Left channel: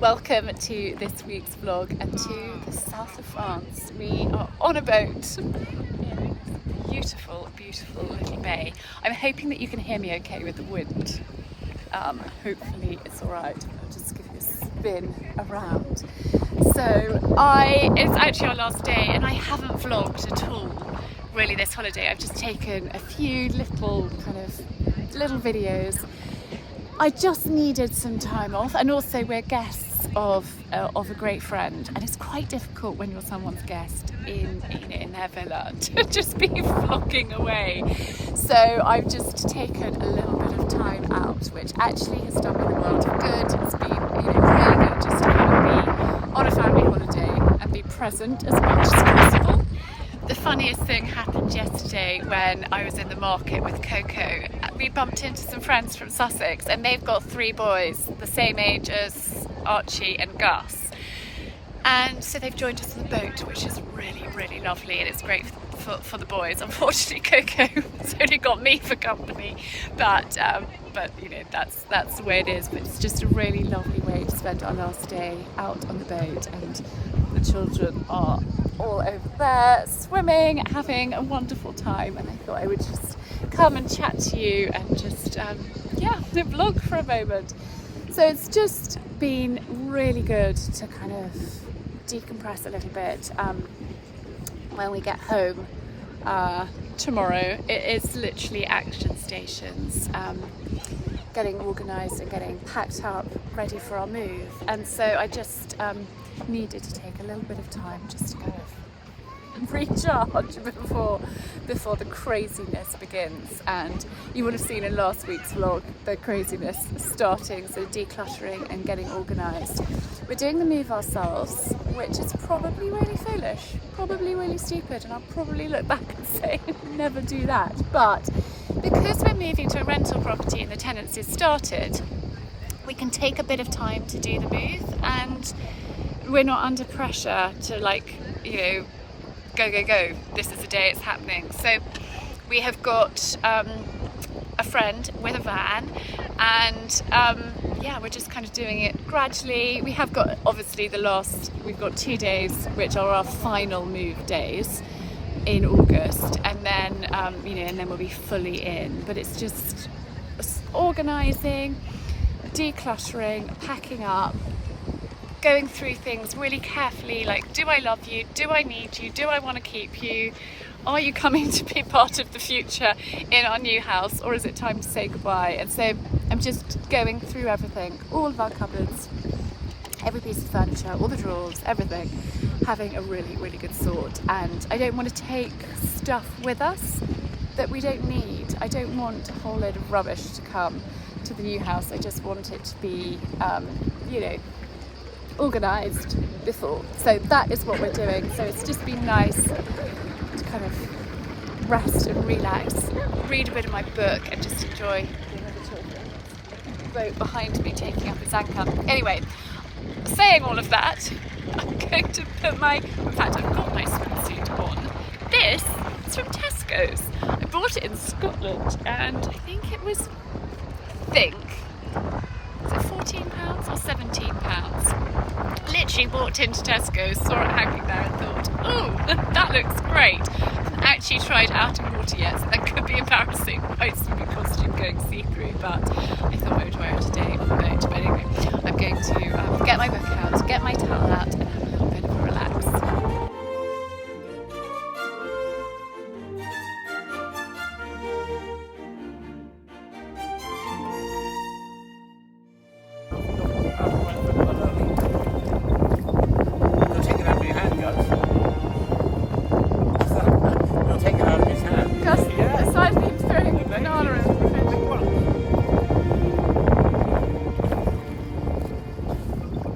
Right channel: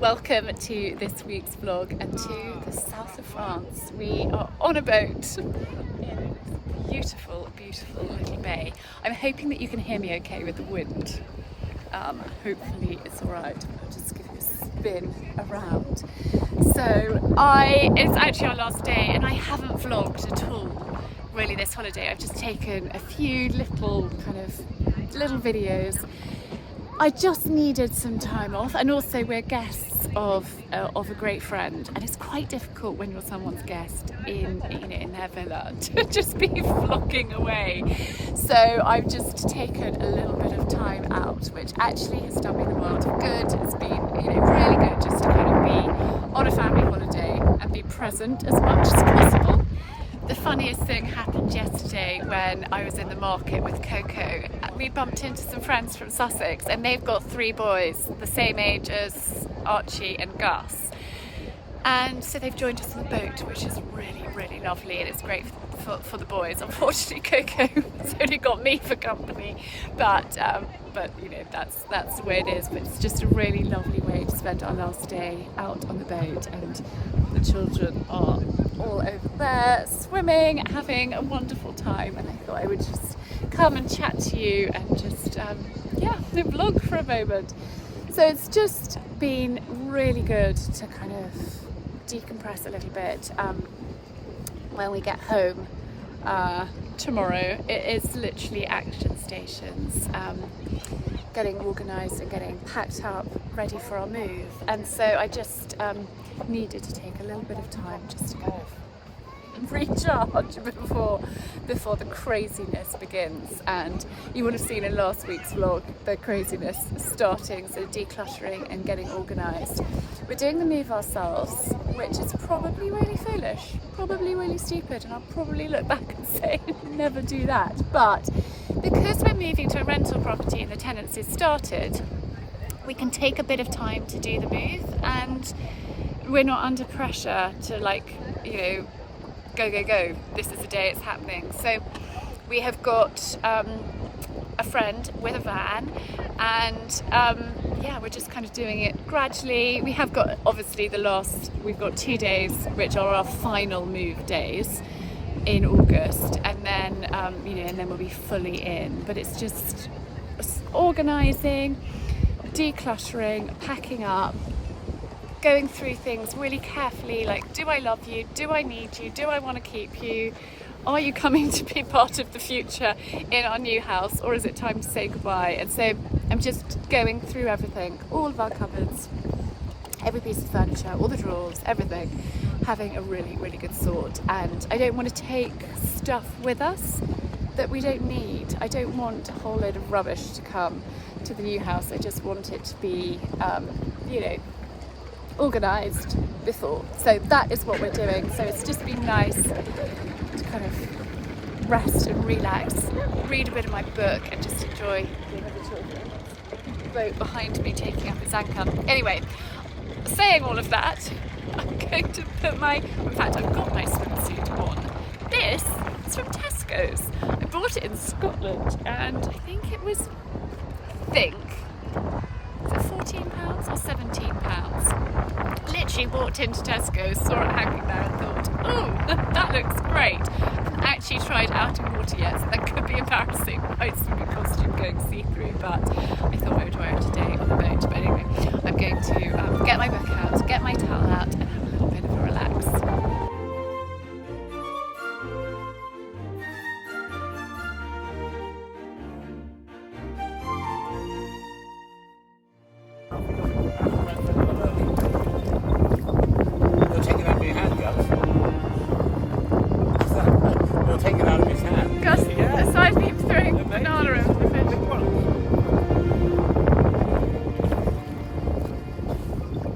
Welcome to this week's vlog and to the south of France. We are on a boat in this beautiful, beautiful little bay. I'm hoping that you can hear me okay with the wind. Hopefully it's alright. I'll just give you a spin around. So it's actually our last day and I haven't vlogged at all really this holiday. I've just taken a few little videos. I just needed some time off, and also we're guests of a great friend, and it's quite difficult when you're someone's guest in their villa to just be vlogging away. So I've just taken a little bit of time out, which actually has done me the world of good. It's been really good just to kind of be on a family holiday and be present as much as possible. The funniest thing happened yesterday when I was in the market with Coco. We bumped into some friends from Sussex, and they've got 3 boys the same age as Archie and Gus. And so they've joined us on the boat, which is really, really lovely, and it's great for the boys. Unfortunately, Coco has only got me for company, but that's the way it is. But it's just a really lovely way to spend our last day out on the boat, and the children are all over there swimming, having a wonderful time, and I thought I would just come and chat to you and just vlog for a moment. So it's just been really good to kind of decompress a little bit. When we get home tomorrow, it is literally action stations, getting organised and getting packed up, ready for our move. And so I just needed to take a little bit of time just to kind of recharge before the craziness begins. And you would have seen in last week's vlog the craziness starting, so decluttering and getting organised. We're doing the move ourselves, which is probably really foolish, probably really stupid, and I'll probably look back and say never do that. But because we're moving to a rental property and the tenancy's started, we can take a bit of time to do the move, and we're not under pressure to go, this is the day it's happening. So we have got a friend with a van, and we're just kind of doing it gradually. We have got obviously we've got 2 days which are our final move days in August, and then and then we'll be fully in. But it's just organising, decluttering, packing up, going through things really carefully, like, do I love you? Do I need you? Do I want to keep you? Are you coming to be part of the future in our new house, or is it time to say goodbye? And so I'm just going through everything, all of our cupboards, every piece of furniture, all the drawers, everything, having a really, really good sort. And I don't want to take stuff with us that we don't need. I don't want a whole load of rubbish to come to the new house. I just want it to be, organised before. So that is what we're doing. So it's just been nice to kind of rest and relax, read a bit of my book, and just enjoy being with the children. The boat behind me taking up its anchor. Anyway, saying all of that, I'm going to put I've got my swimsuit on. This is from Tesco's. I bought it in Scotland, and I think it was, is it £14 or £17? Literally walked into Tesco's, saw it hanging there and thought, oh, that looks great. Haven't actually tried out in water yet, so that could be embarrassing, my swimming costume going see-through, but I thought I would wear it today on the boat. But anyway, I'm going to get my book out, get my towel out, and have a little bit of a relax.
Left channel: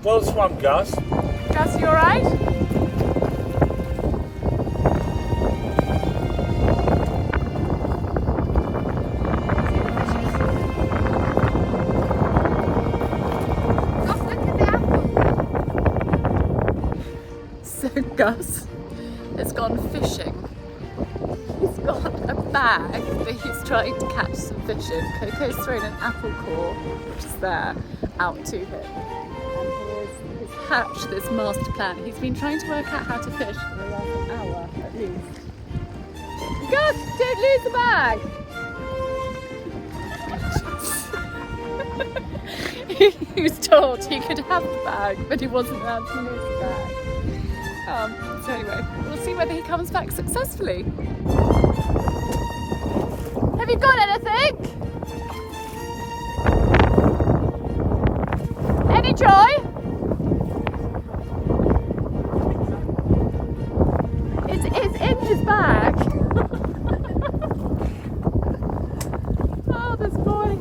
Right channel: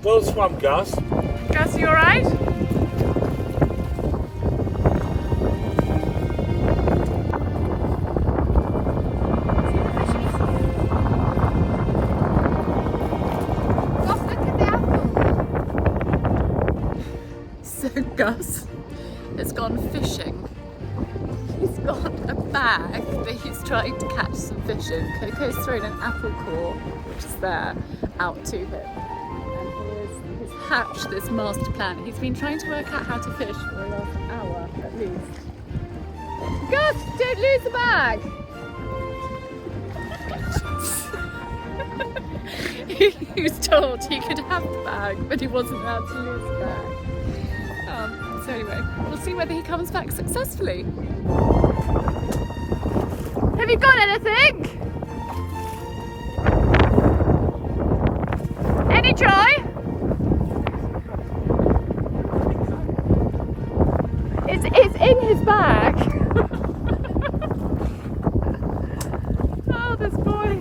Well swum, Gus. Gus, you alright? So Gus has gone fishing. He's got a bag that he's trying to catch some fish in. Coco's thrown an apple decor, which is there, out to him. And here's his hatch, this master plan. He's been trying to work out how to fish for the last hour at least. Gus, don't lose the bag! He was told he could have the bag, but he wasn't allowed to lose the bag. So anyway, we'll see whether he comes back successfully. Have you got anything? Any joy? It's in his bag. Oh, this boy.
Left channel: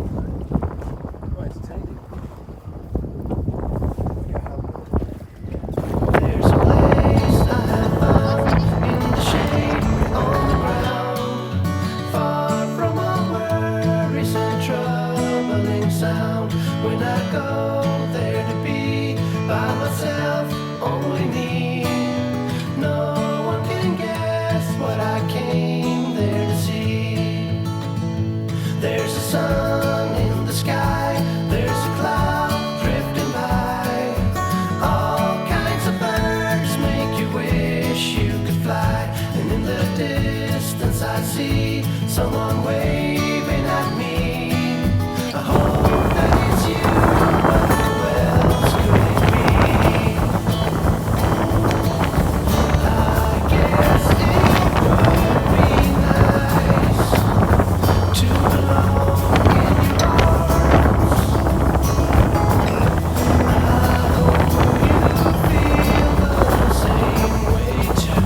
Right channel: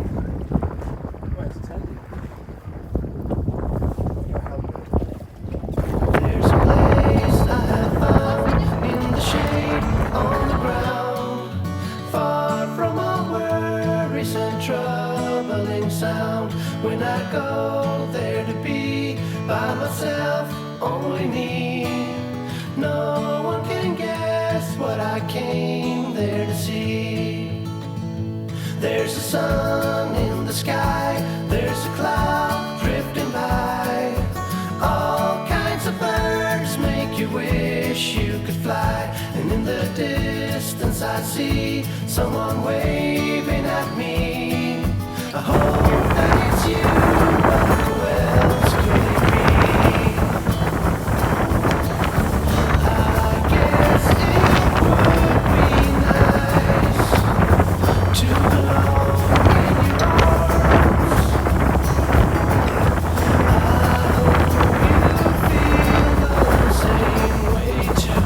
When I go there to be by myself, only me. No one can guess what I came there to see. There's a sun in the sky, there's a cloud drifting by. All kinds of birds make you wish you could fly. And in the distance I see someone waving at me. I hope that it's you, but who else could it be? I guess it would be nice to belong in your arms. I hope you feel the same way too.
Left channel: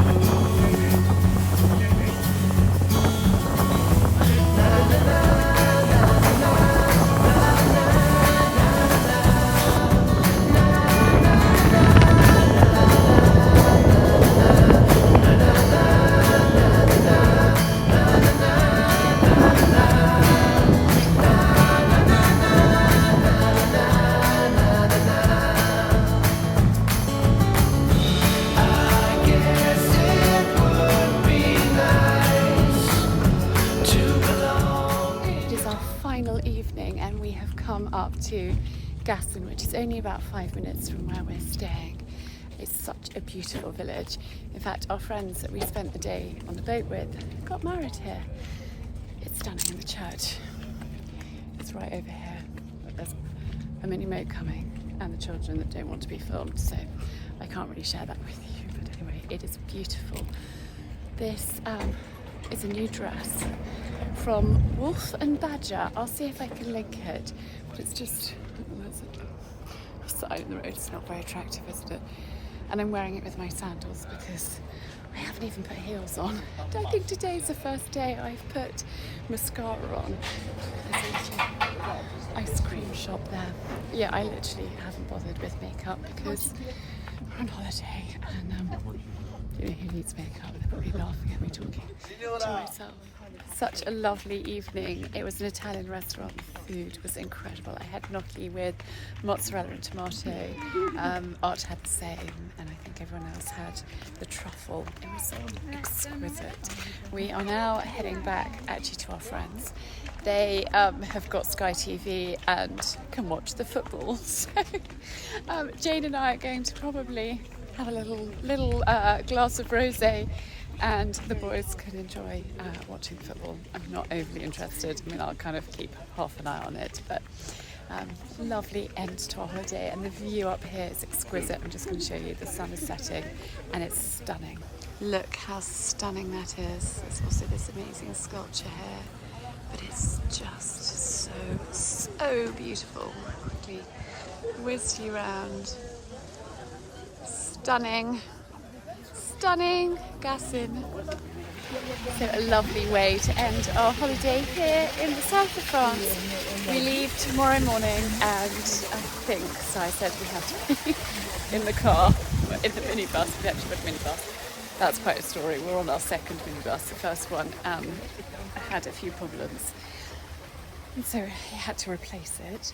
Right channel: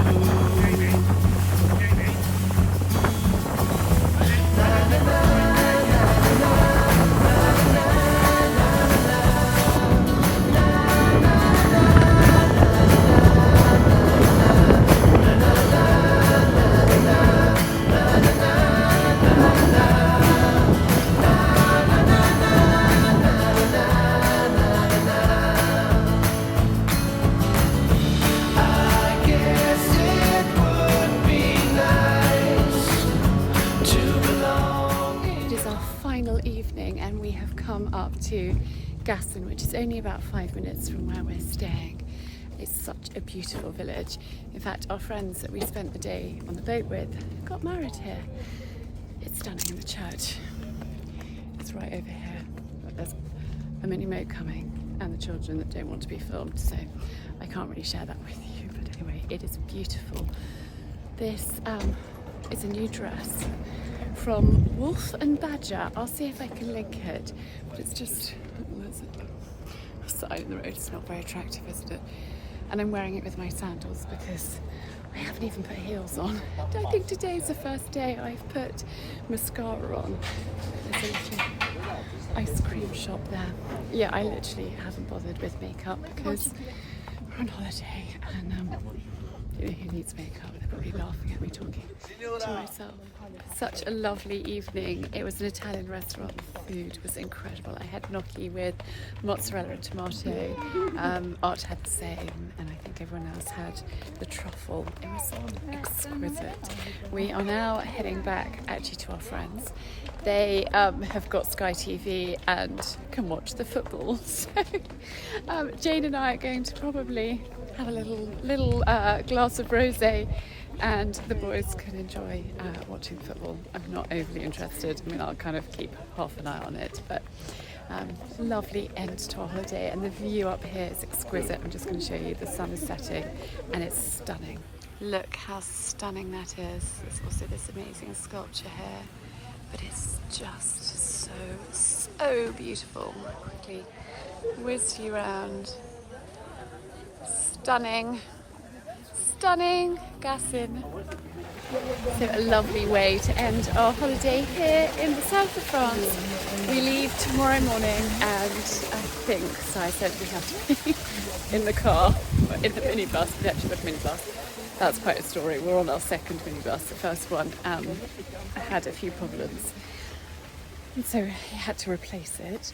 Na na na. Evening, and we have come up to Gassin, which is only about 5 minutes from where we're staying. It's such a beautiful village. In fact, our friends that we spent the day on the boat with got married here. It's stunning, in the church. It's right over here. There's a mini moat coming and the children that don't want to be filmed, so I can't really share that with you, but anyway, it is beautiful. This is a new dress from Wolf and Badger. I'll see if I can link it, but it's just, there's a sign in the road. It's not very attractive, isn't it? And I'm wearing it with my sandals because I haven't even put heels on. I think today's the first day I've put mascara on. There's a little ice cream shop there. Yeah, I literally haven't bothered with makeup because we're on holiday and you know, who needs makeup? They're probably laughing at me talking to myself. Such a lovely evening. It was an Italian restaurant. The food was incredible. I had gnocchi with mozzarella and tomato. Art had the same, and I think everyone else had the truffle. It was exquisite. We are now heading back actually to our friends. They have got Sky TV and can watch the football. So Jane and I are going to probably have a little glass of rosé, and the boys can enjoy watching football. I'm not overly interested. I mean, I'll kind of keep half an eye on it, but lovely end to our holiday, and the view up here is exquisite. I'm just going to show you. The sun is setting and it's stunning. Look how stunning that is. There's also this amazing sculpture here, but it's just so beautiful. I'll quickly whiz you around. Stunning Gassin. So a lovely way to end our holiday here in the south of France. We leave tomorrow morning, and I think, so I said we have to be in the car, in the minibus. We actually got a minibus. That's quite a story. We're on our second minibus. The first one had a few problems, and so he had to replace it.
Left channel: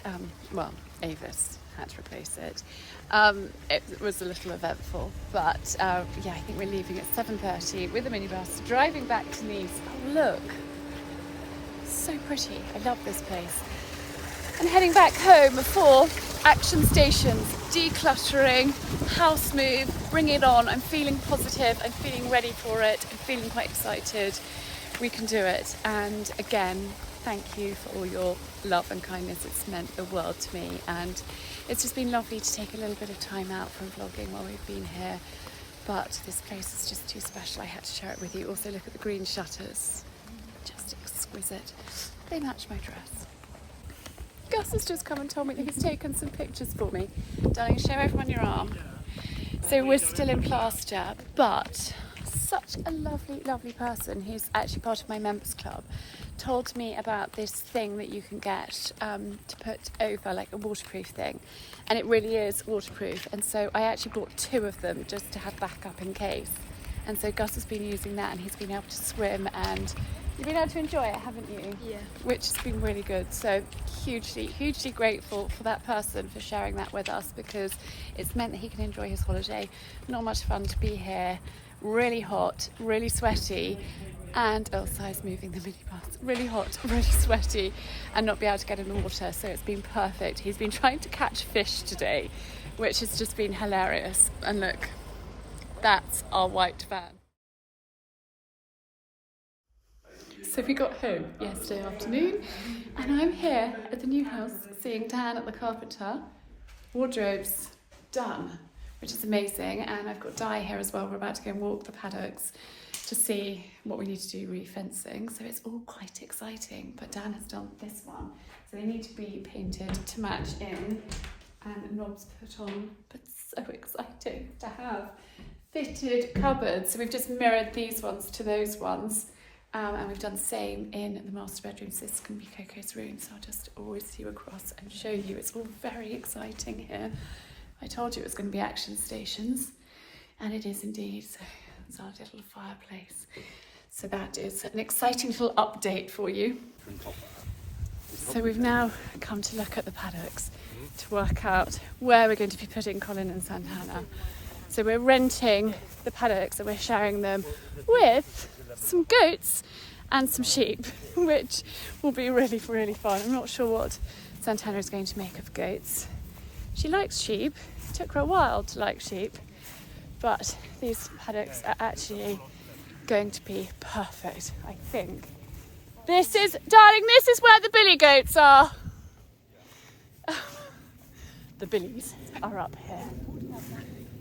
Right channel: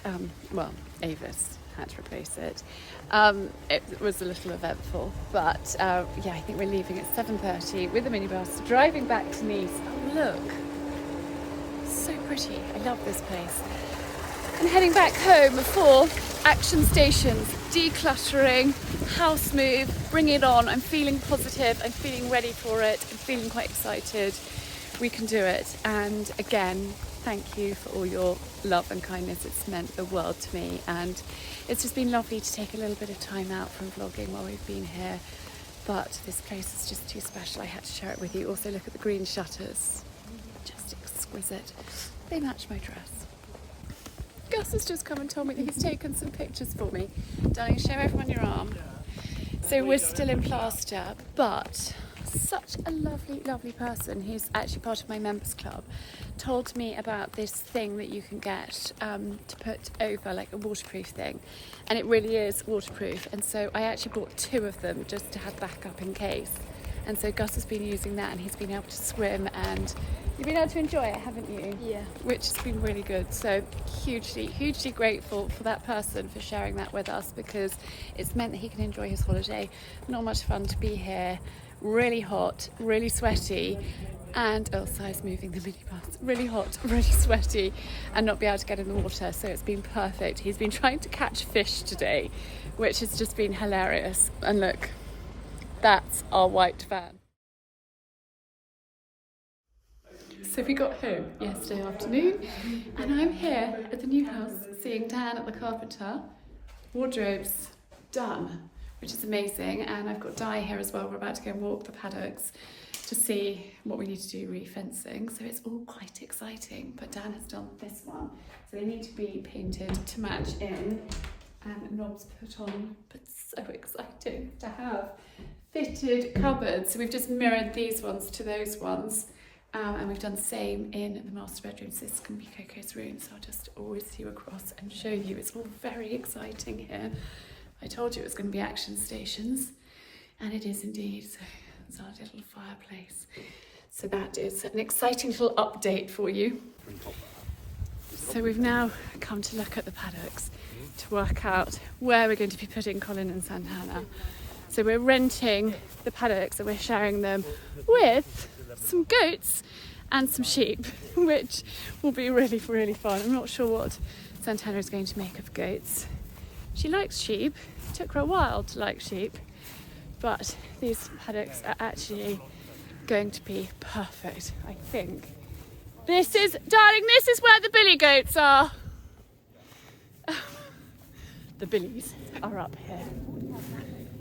Well, Avis had to replace it. It was a little eventful, but yeah, I think we're leaving at 7:30 with the minibus, driving back to Nice. Oh look, so pretty. I love this place. and heading back home for action stations, decluttering, house move, bring it on. I'm feeling positive, I'm feeling ready for it, I'm feeling quite excited. We can do it. And again, thank you for all your love and kindness. It's meant the world to me, and it's just been lovely to take a little bit of time out from vlogging while we've been here. But this place is just too special. I had to share it with you. Also, look at the green shutters. Just exquisite. They match my dress. Gus has just come and told me that he's taken some pictures for me. Darling, show everyone your arm. So we're still in plaster, but such a lovely, lovely person who's actually part of my members club told me about this thing that you can get to put over, like a waterproof thing, and it really is waterproof. And so I actually bought 2 of them just to have backup in case. And so Gus has been using that, and he's been able to swim, and you've been able to enjoy it, haven't you? Yeah. Which has been really good. So hugely grateful for that person for sharing that with us, because it's meant that he can enjoy his holiday. Not much fun to be here. Really hot, really sweaty, and Elsa's moving the minibus. Really hot, really sweaty, and not be able to get in the water. So it's been perfect. He's been trying to catch fish today, which has just been hilarious. And look, that's our white van. So we got home yesterday afternoon, and I'm here at the new house seeing Dan at the carpenter. Wardrobes done, which is amazing. And I've got Di here as well. We're about to go and walk the paddocks to see what we need to do re-fencing. So it's all quite exciting, but Dan has done this one. So they need to be painted to match in and knobs put on, but so exciting to have fitted cupboards. So we've just mirrored these ones to those ones. And we've done the same in the master bedroom. So this is going to be Coco's room. So I'll just always you across and show you. It's all very exciting here. I told you it was going to be action stations, and it is indeed. So it's our little fireplace. So that is an exciting little update for you. So we've now come to look at the paddocks to work out where we're going to be putting Colin and Santana. So we're renting the paddocks and we're sharing them with some goats and some sheep, which will be really, really fun. I'm not sure what Santana is going to make of goats. She likes sheep. It took her a while to like sheep, but these paddocks are actually going to be perfect, I think. This is, darling, this is where the billy goats are. The billies are up here.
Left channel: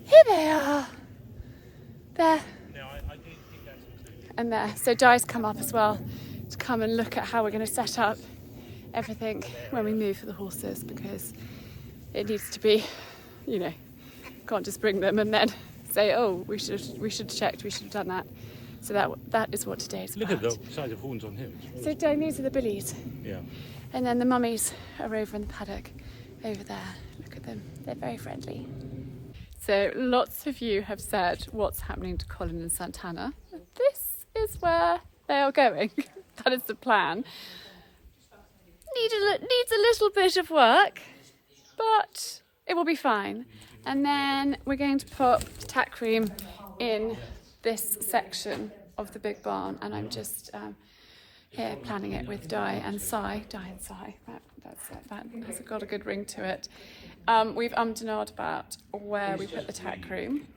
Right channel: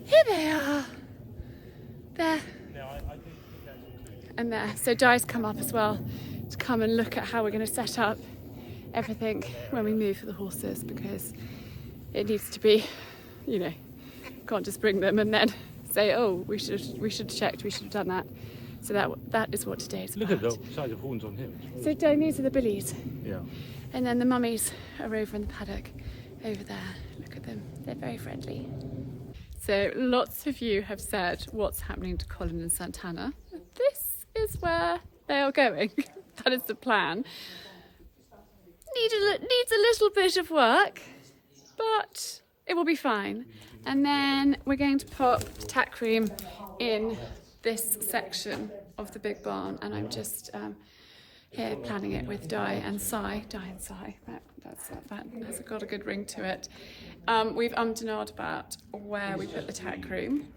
Here they are. There. And there. So Di's come up as well to come and look at how we're going to set up everything when we move for the horses, because it needs to be, you know, can't just bring them and then say, oh, we should have checked, we should have done that. So that is what today is about. Look at the size of horns on him. So these are the billies. Yeah. And then the mummies are over in the paddock over there. Look at them, they're very friendly. So lots of you have said what's happening to Colin and Santana. This is where they are going. That is the plan. Needs a little bit of work, but it will be fine. And then we're going to pop the tack room in this section of the big barn, and I'm just here planning it with Di and Sai. That has got a good ring to it. We've and ahed about where we put the tack room,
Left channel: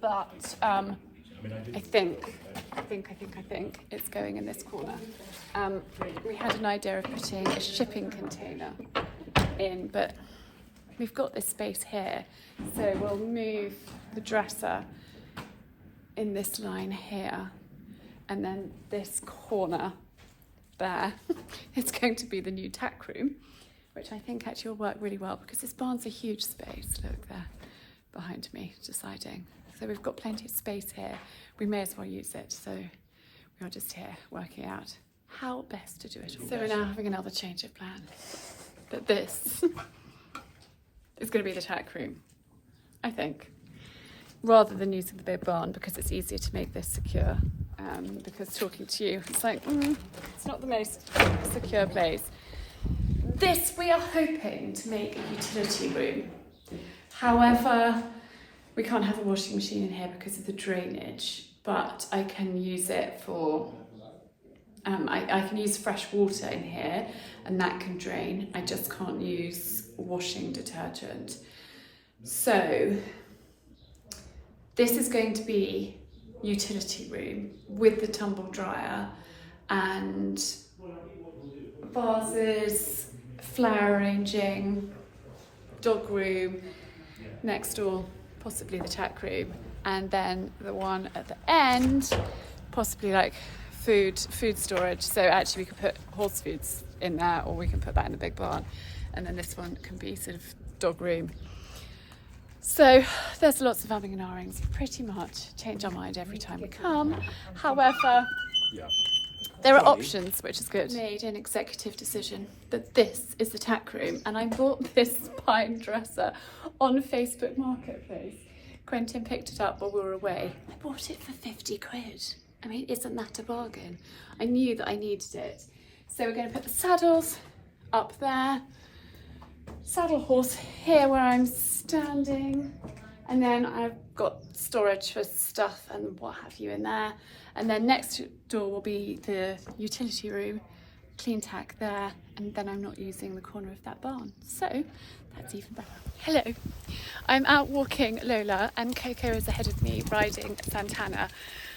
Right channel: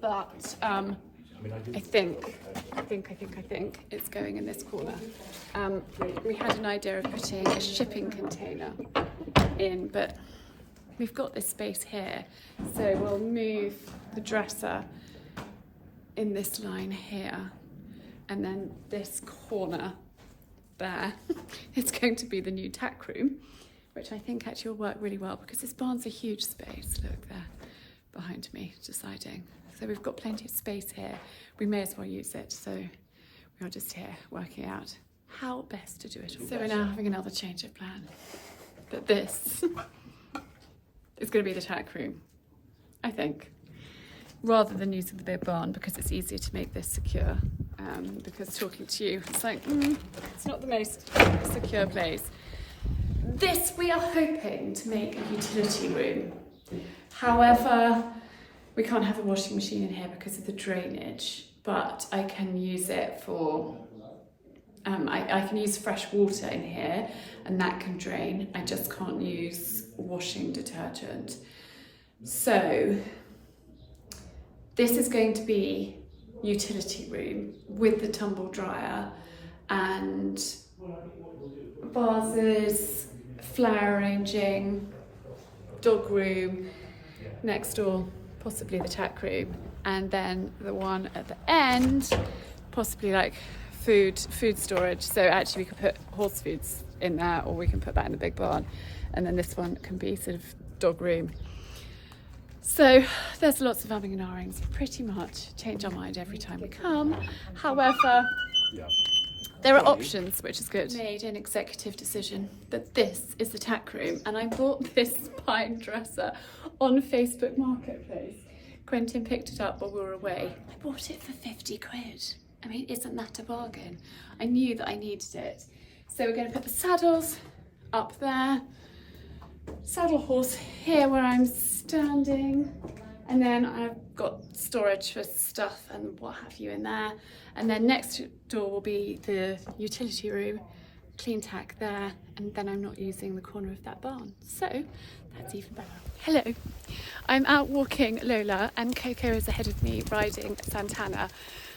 but I think it's going in this corner. We had an idea of putting a shipping container in, but we've got this space here, so we'll move the dresser in this line here, and then this corner there is going to be the new tack room, which I think actually will work really well because this barn's a huge space. Look there behind me, deciding. So we've got plenty of space here. We may as well use it. So we are just here working out how best to do it. So we're now having another change of plan. But this is going to be the tack room, I think, rather than using the big barn, because it's easier to make this secure. Because talking to you, it's like, it's not the most secure place. This we are hoping to make a utility room. However, we can't have a washing machine in here because of the drainage, but I can use it for I can use fresh water in here and that can drain. I just can't use washing detergent. So this is going to be utility room with the tumble dryer and vases, flower arranging, dog room, next door possibly the tack room, and then the one at the end possibly like food storage. So actually we could put horse foods in there, or we can put that in a big barn, and then this one can be sort of dog room. So there's lots of umming and ahhings. We pretty much change our mind every time we come. However, there are options, which is good. I made an executive decision that this is the tack room, and I bought this pine dresser on Facebook Marketplace. Quentin picked it up while we were away. I bought it for 50 quid. I mean, isn't that a bargain? I knew that I needed it. So we're going to put the saddles up there, saddle horse here where I'm standing, and then I've got storage for stuff and what have you in there. And then next door will be the utility room, clean tack there, and then I'm not using the corner of that barn. So that's even better. Hello, I'm out walking Lola and Coco is ahead of me riding Santana.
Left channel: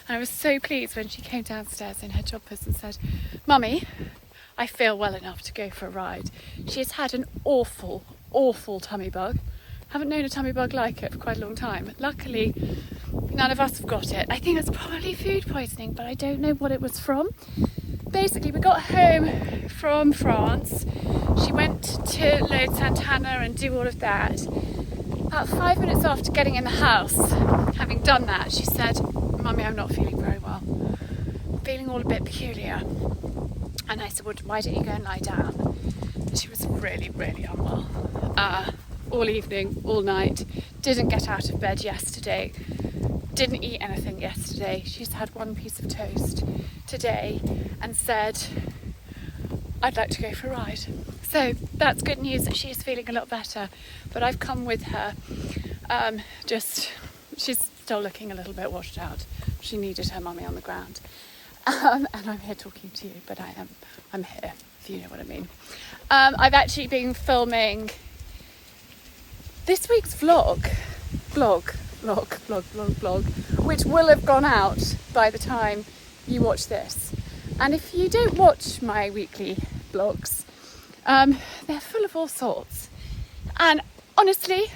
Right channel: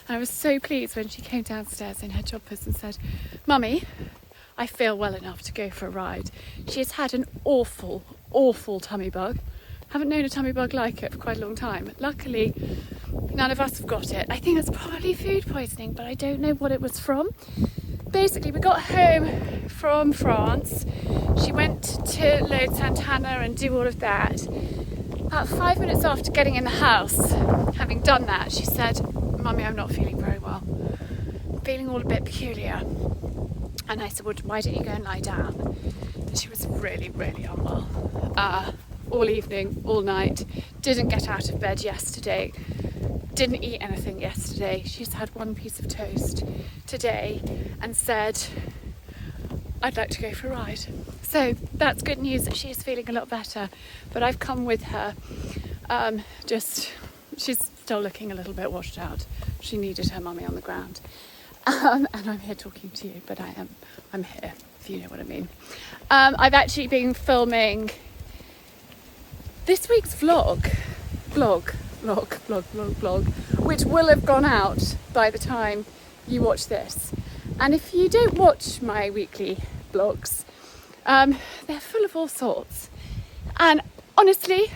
And I was so pleased when she came downstairs in her joggers and said, "Mummy, I feel well enough to go for a ride." She has had an awful, awful tummy bug. Haven't known a tummy bug like it for quite a long time. Luckily, none of us have got it. I think it's probably food poisoning, but I don't know what it was from. Basically, we got home from France. She went to load Santana and do all of that. About 5 minutes after getting in the house, having done that, she said, "Mummy, I'm not feeling very well. Feeling all a bit peculiar." And I said, "Well, why don't you go and lie down?" And she was really, really unwell. All evening, all night. Didn't get out of bed yesterday. Didn't eat anything yesterday. She's had one piece of toast today and said, "I'd like to go for a ride." So that's good news that she is feeling a lot better. But I've come with her. She's still looking a little bit washed out. She needed her mummy on the ground. And I'm here talking to you, but I'm here, if you know what I mean. I've actually been filming this week's vlog, which will have gone out by the time you watch this. And if you don't watch my weekly vlogs, they're full of all sorts. And honestly,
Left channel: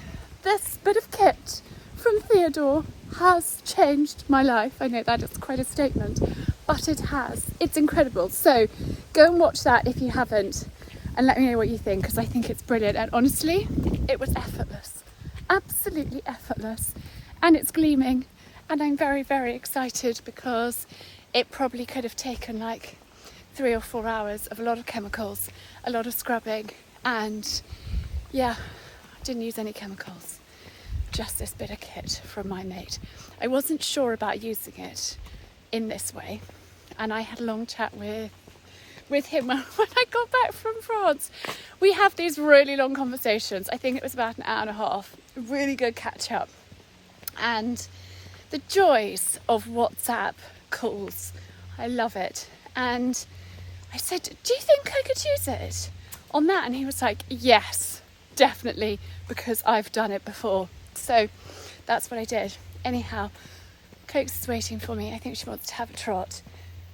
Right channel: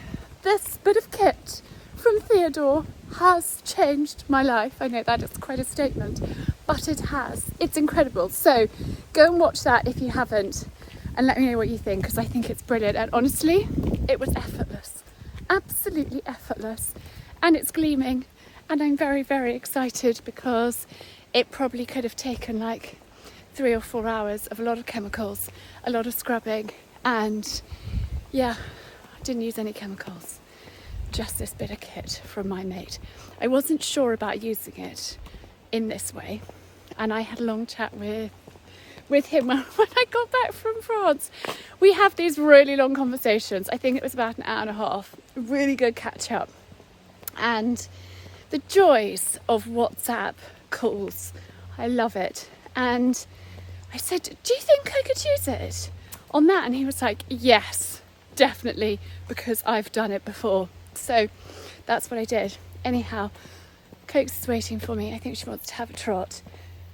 this bit of kit from Theodore has changed my life. I know that is quite a statement, but it has. It's incredible. So go and watch that if you haven't, and let me know what you think, because I think it's brilliant. And honestly, it was effortless, absolutely effortless, and it's gleaming. And I'm very, very excited because it probably could have taken like 3 or 4 hours of a lot of chemicals, a lot of scrubbing, and yeah, I didn't use any chemicals. Just this bit of kit from my mate. I wasn't sure about using it in this way, and I had a long chat with him when I got back from France. We have these really long conversations. I think it was about an hour and a half. Really good catch up. And the joys of WhatsApp calls. I love it. And I said, "Do you think I could use it on that?" And he was like, "Yes, definitely, because I've done it before." So that's what I did. Anyhow, Coke's is waiting for me. I think she wants to have a trot.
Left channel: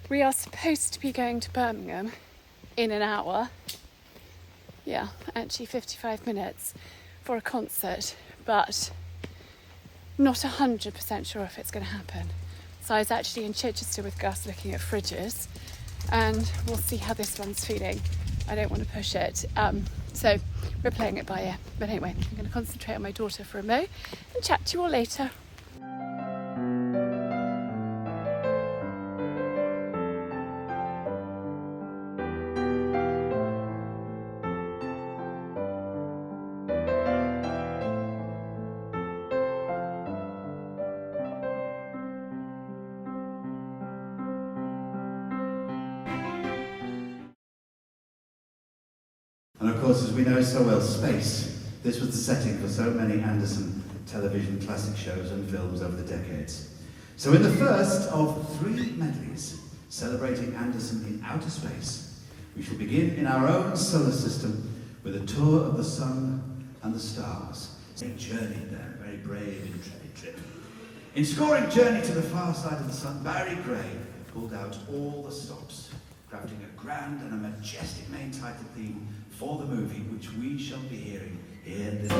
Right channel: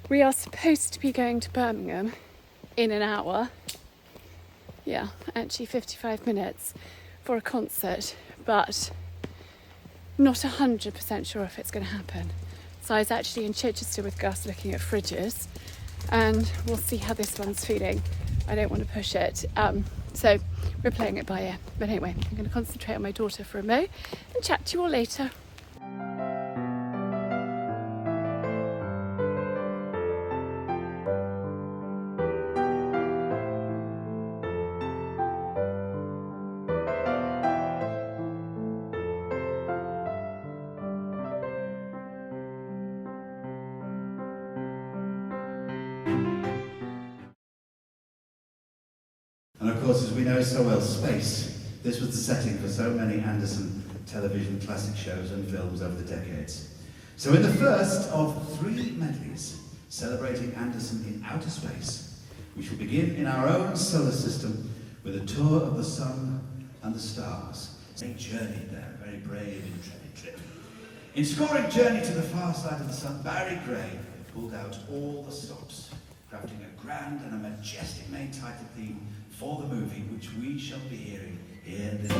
We are supposed to be going to Birmingham in an hour. Yeah, actually 55 minutes for a concert, but not 100% sure if it's going to happen. So I was actually in Chichester with Gus looking at fridges, and we'll see how this one's feeling. I don't want to push it. So we're playing it by ear. But anyway, I'm going to concentrate on my daughter for a mo and chat to you all later. And of course, as we know so well, space. This was the setting for so many Anderson television classic shows and films over the decades. So in the first of 3 medleys, celebrating Anderson in outer space. We shall begin in our own solar system with a tour of the sun and the stars. A journey there, a very brave, intrepid trip. In scoring Journey to the Far Side of the Sun, Barry Gray pulled out all the stops, crafting a grand and a majestic main title theme for the movie, which we shall be hearing in this.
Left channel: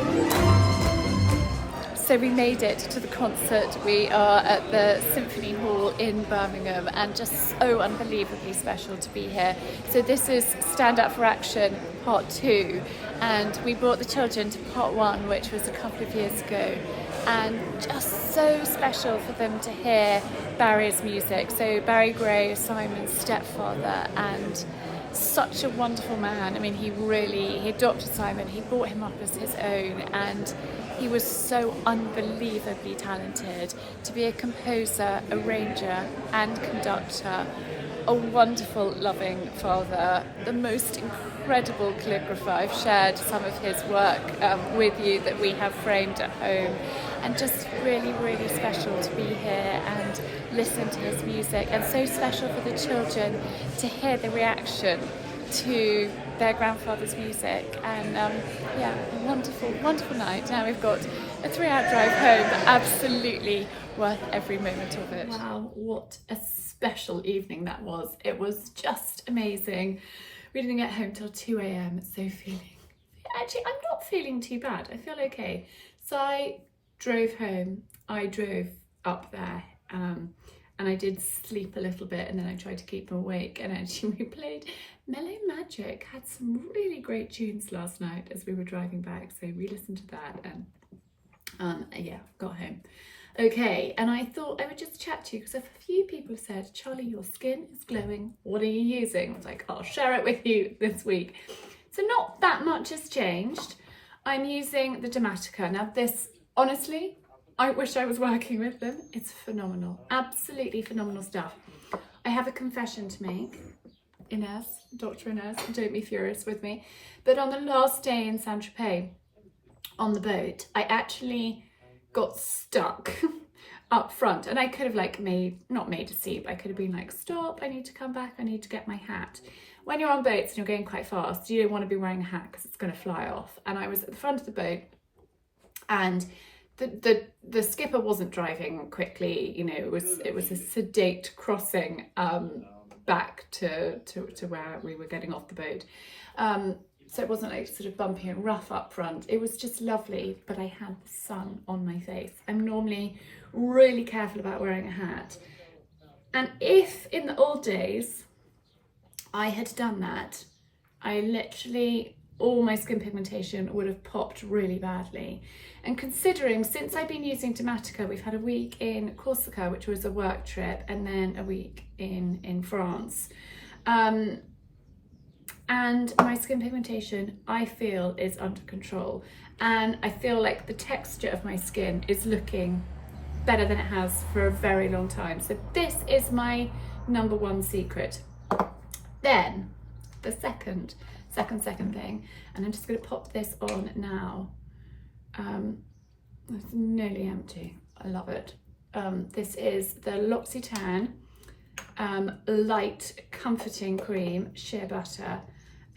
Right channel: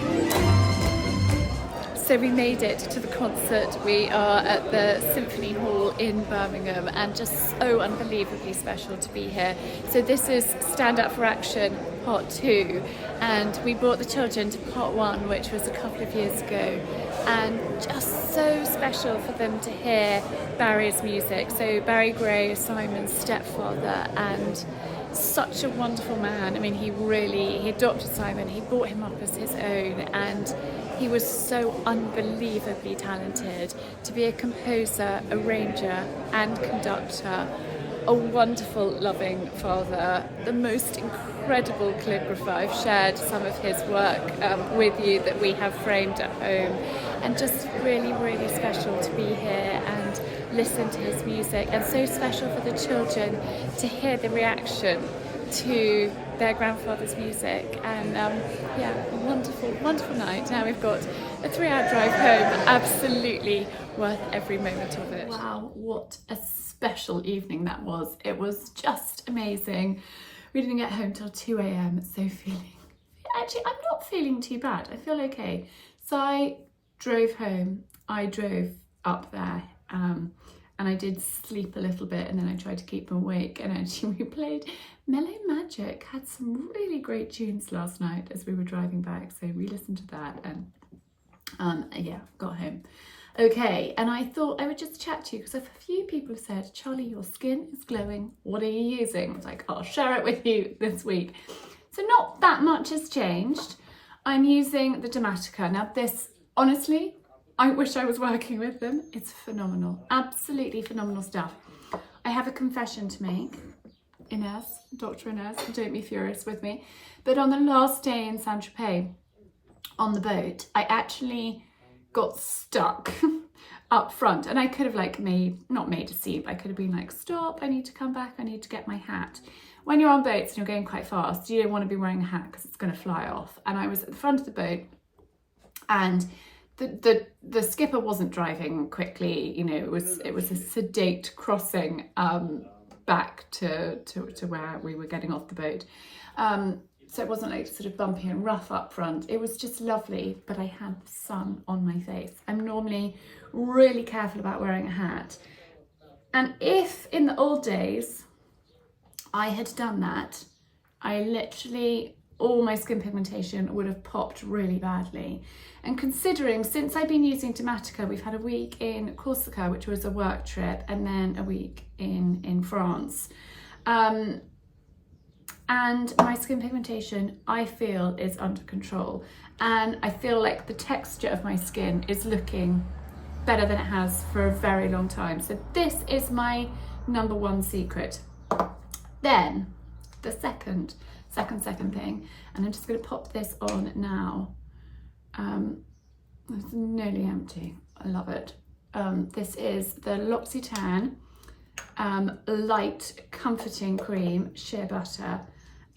So we made it to the concert. We are at the Symphony Hall in Birmingham, and just so unbelievably special to be here. So this is Stand Up for Action Part 2, and we brought the children to Part 1, which was a couple of years ago, and just so special for them to hear Barry's music. So Barry Gray is Simon's stepfather, and such a wonderful man. I mean, he adopted Simon, he brought him up as his own, and he was so unbelievably talented to be a composer, arranger and conductor, a wonderful, loving father, the most incredible calligrapher. I've shared some of his work with you that we have framed at home, and just really, really special to be here and listen to his music, and so special for the children to hear the reaction to their grandfather's music. And wonderful, wonderful night. Now we've got a 3-hour drive home, absolutely worth every moment of it. Wow, what a special evening that was. It was just amazing. We didn't get home till 2 a.m, so I'm not feeling too bad. I feel okay. So I drove home, I drove up there, and I did sleep a little bit, and then I tried to keep them awake, and actually we played Mellow Magic, had some really great tunes last night as we were driving back, so we listened to that, and got home. Okay, and I thought I would just chat to you because a few people have said, Charlie, your skin is glowing, what are you using? I was like, I'll share it with you this week. So not that much has changed. I'm using the Dermatica. Now this, honestly, I wish I was working with them. It's phenomenal, absolutely phenomenal stuff. I have a confession to make. Inez, Dr. Inez, don't be furious with me, but on the last day in Saint-Tropez on the boat, I actually got stuck up front, and I could have not made a scene, but I could have been like, stop, I need to come back, I need to get my hat. When you're on boats and you're going quite fast, you don't want to be wearing a hat because it's going to fly off. And I was at the front of the boat, and the skipper wasn't driving quickly, you know, it was a sedate crossing back to where we were getting off the boat. So it wasn't like sort of bumpy and rough up front. It was just lovely, but I had the sun on my face. I'm normally really careful about wearing a hat. And if in the old days I had done that, I literally, all my skin pigmentation would have popped really badly. And considering, since I've been using Dermatica, we've had a week in Corsica, which was a work trip, and then a week in France. And my skin pigmentation, I feel, is under control. And I feel like the texture of my skin is looking better than it has for a very long time. So this is my number one secret. Then the second thing, and I'm just going to pop this on now. It's nearly empty. I love it. This is the L'Occitane Light Comforting Cream Shea Butter,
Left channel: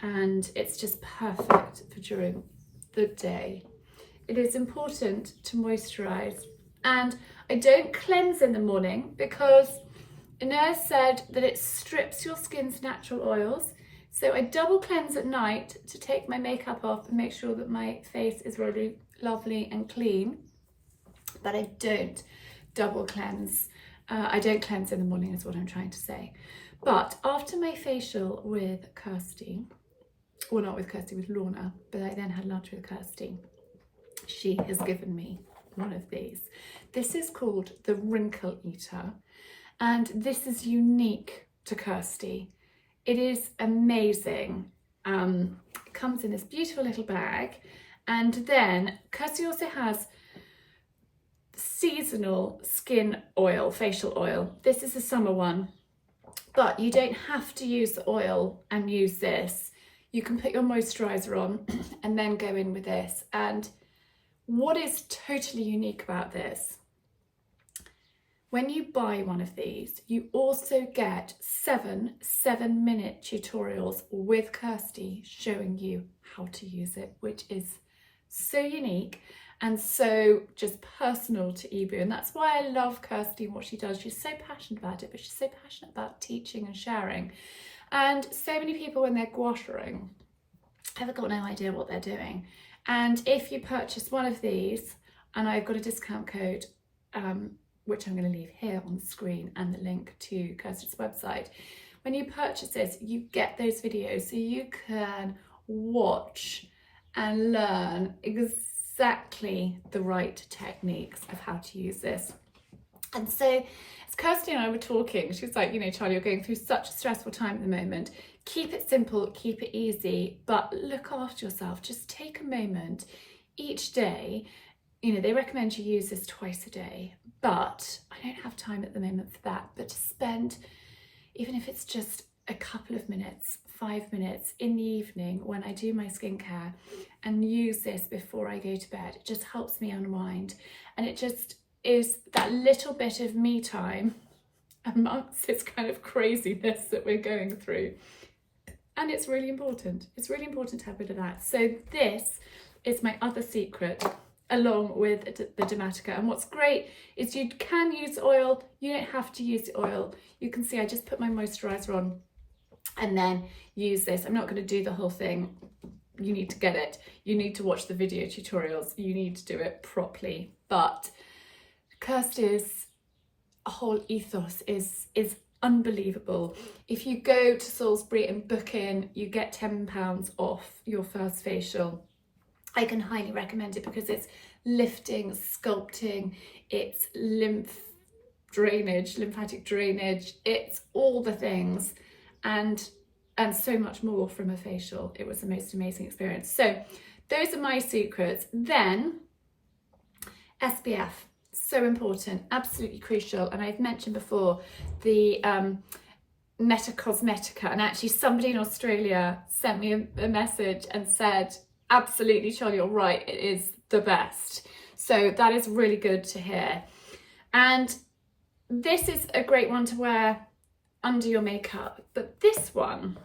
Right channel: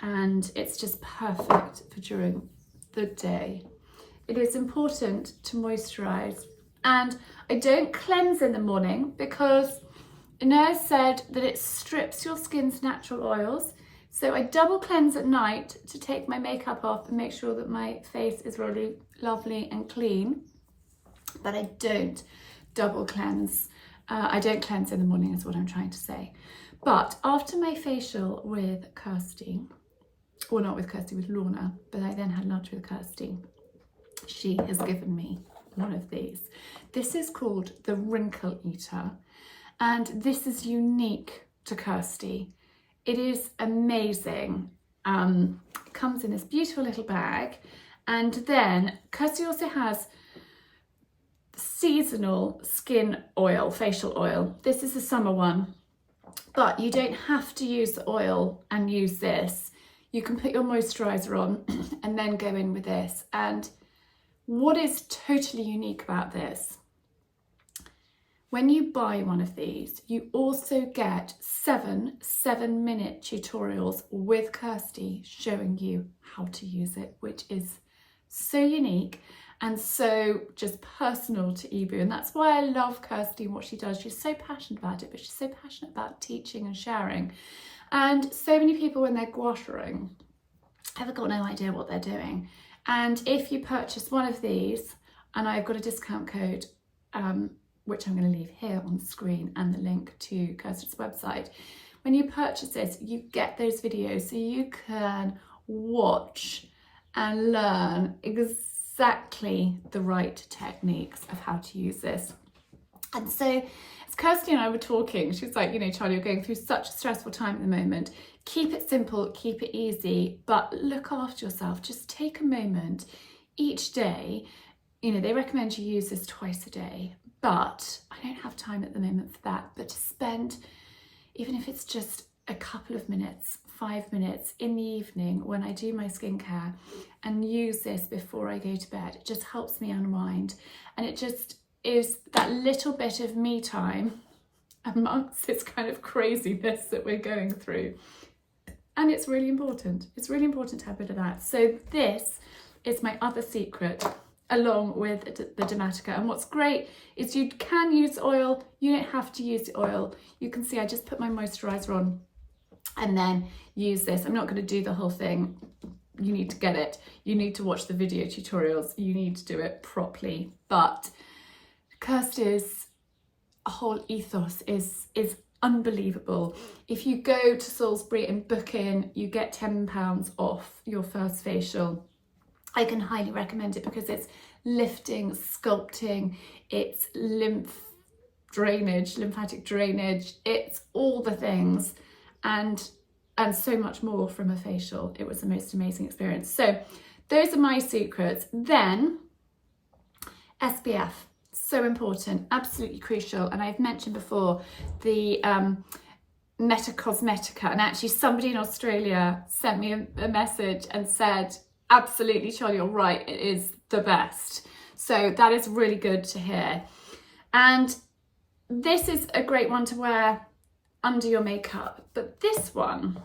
and it's just perfect for during the day. It is important to moisturize, and I don't cleanse in the morning because Inez said that it strips your skin's natural oils. So I double cleanse at night to take my makeup off and make sure that my face is really lovely and clean, but I don't double cleanse. I don't cleanse in the morning is what I'm trying to say. But after my facial with Kirsty, or not with Kirsty, with Lorna, but I then had lunch with Kirsty, she has given me one of these. This is called the Wrinkle Eater, and this is unique to Kirsty. It is amazing. It comes in this beautiful little bag, and then Kirsty also has seasonal skin oil, facial oil. This is a summer one, but you don't have to use the oil and use this. You can put your moisturizer on and then go in with this. And what is totally unique about this, When you buy one of these, you also get 7-minute tutorials with Kirsty showing you how to use it, which is so unique and so just personal to Ebu. And that's why I love Kirsty and what she does. She's so passionate about it, but she's so passionate about teaching and sharing. And so many people, when they're gouacheing, have got no idea what they're doing. And if you purchase one of these, and I've got a discount code, which I'm going to leave here on the screen, and the link to Kirsty's website. When you purchase this, you get those videos so you can watch and learn exactly the right techniques of how to use this. And so as Kirsty and I were talking, she was like, you know, Charlie, you're going through such a stressful time at the moment. Keep it simple, keep it easy, but look after yourself. Just take a moment each day. You know, they recommend you use this twice a day, but I don't have time at the moment for that. But to spend, even if it's just a couple of minutes, 5 minutes in the evening when I do my skincare, and use this before I go to bed, it just helps me unwind. And it just is that little bit of me time amongst this kind of craziness that we're going through. And it's really important. It's really important to have a bit of that. So this is my other secret, along with the Dermatica. And what's great is you can use oil. You don't have to use the oil. You can see I just put my moisturiser on and then use this. I'm not going to do the whole thing. You need to get it. You need to watch the video tutorials. You need to do it properly. But Kirsty's whole ethos is unbelievable. If you go to Salisbury and book in, you get £10 off your first facial. I can highly recommend it because it's lifting, sculpting, it's lymphatic drainage, it's all the things, and so much more from a facial. It was the most amazing experience. So those are my secrets. Then SPF, so important, absolutely crucial. And I've mentioned before the Meta Cosmetica, and actually somebody in Australia sent me a message and said, absolutely, Charlie, you're right, it is the best. So that is really good to hear. And this is a great one to wear under your makeup. But this one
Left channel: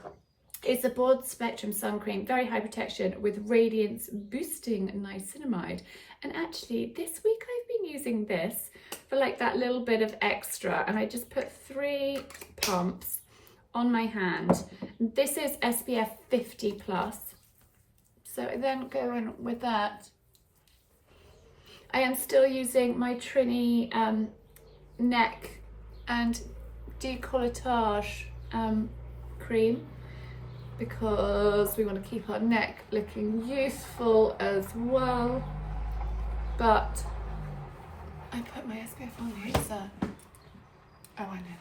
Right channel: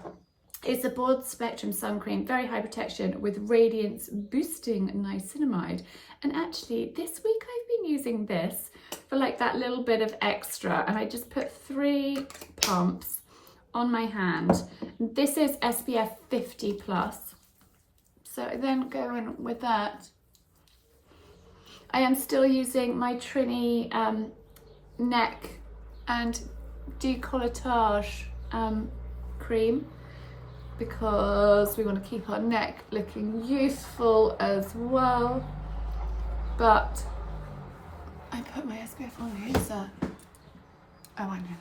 is a broad spectrum sun cream, very high protection with radiance boosting niacinamide. And actually this week I've been using this for like that little bit of extra. And I just put 3 pumps on my hand. This is SPF 50 plus. So I then go in with that. I am still using my Trini neck and decolletage cream because we want to keep our neck looking youthful as well. But I put my SPF on here, so oh, I know.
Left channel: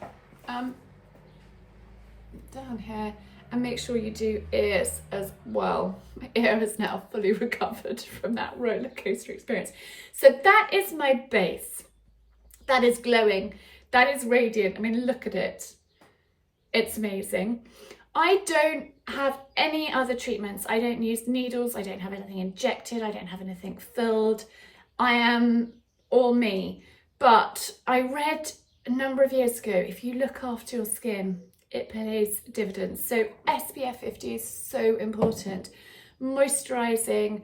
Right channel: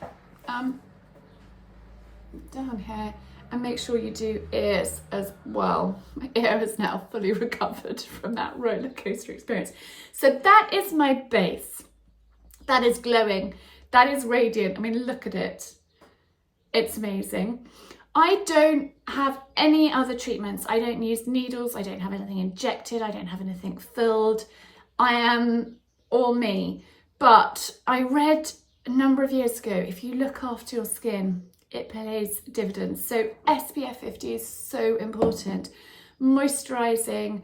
Down here. And make sure you do ears as well. My ear is now fully recovered from that roller coaster experience. So that is my base. That is glowing. That is radiant. I mean, look at it. It's amazing. I don't have any other treatments. I don't use needles. I don't have anything injected. I don't have anything filled. I am all me. But I read a number of years ago, if you look after your skin, it pays dividends. So SPF 50 is so important. Moisturizing,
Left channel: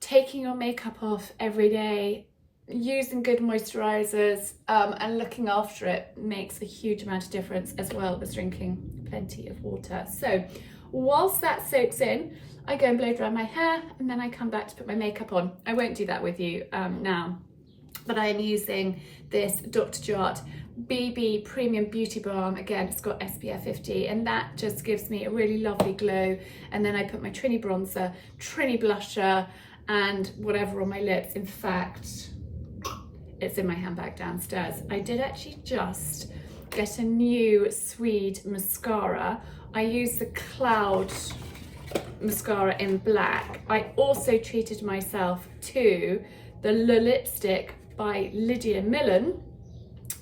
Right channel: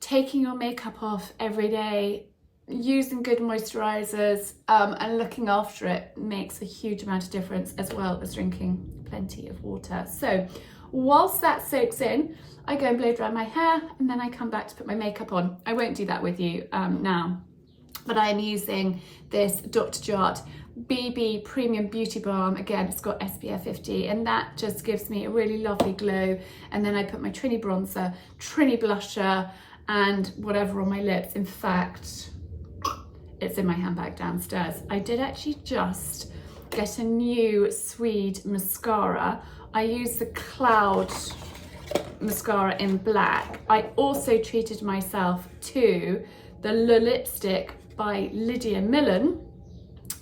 taking your makeup off every day, using good moisturizers, and looking after it makes a huge amount of difference, as well as drinking plenty of water. So whilst that soaks in, I go and blow dry my hair, and then I come back to put my makeup on. I won't do that with you now, but I'm using this Dr. Jart BB Premium Beauty Balm. Again, it's got SPF 50, and that just gives me a really lovely glow. And then I put my Trini bronzer, Trini blusher, and whatever on my lips. In fact, it's in my handbag downstairs. I did actually just get a new Swede mascara. I use the Cloud mascara in black. I also treated myself to the Le Lipstick by Lydia Millen.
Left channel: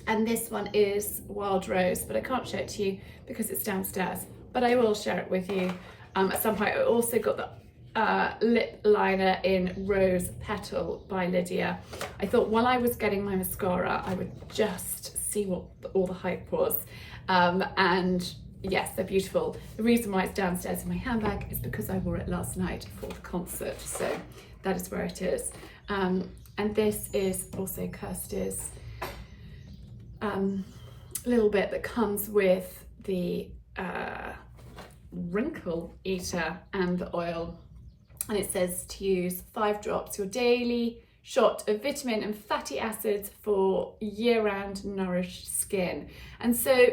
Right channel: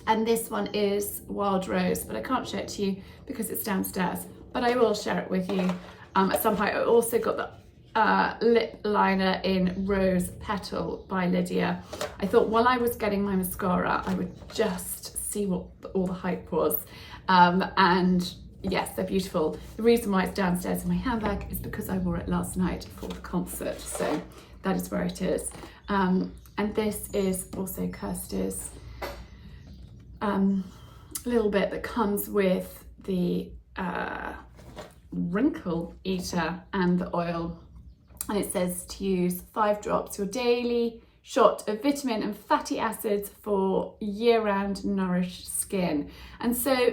And this one is Wild Rose, but I can't show it to you because it's downstairs. But I will share it with you at some point. I also got the lip liner in Rose Petal by Lydia. I thought while I was getting my mascara, I would just see what all the hype was. And yes, they're beautiful. The reason why it's downstairs in my handbag is because I wore it last night for the concert, so that is where it is. And this is also Kirsty's little bit that comes with the wrinkle eater and the oil, and it says to use 5 drops, your daily shot of vitamin and fatty acids for year-round nourished skin. And so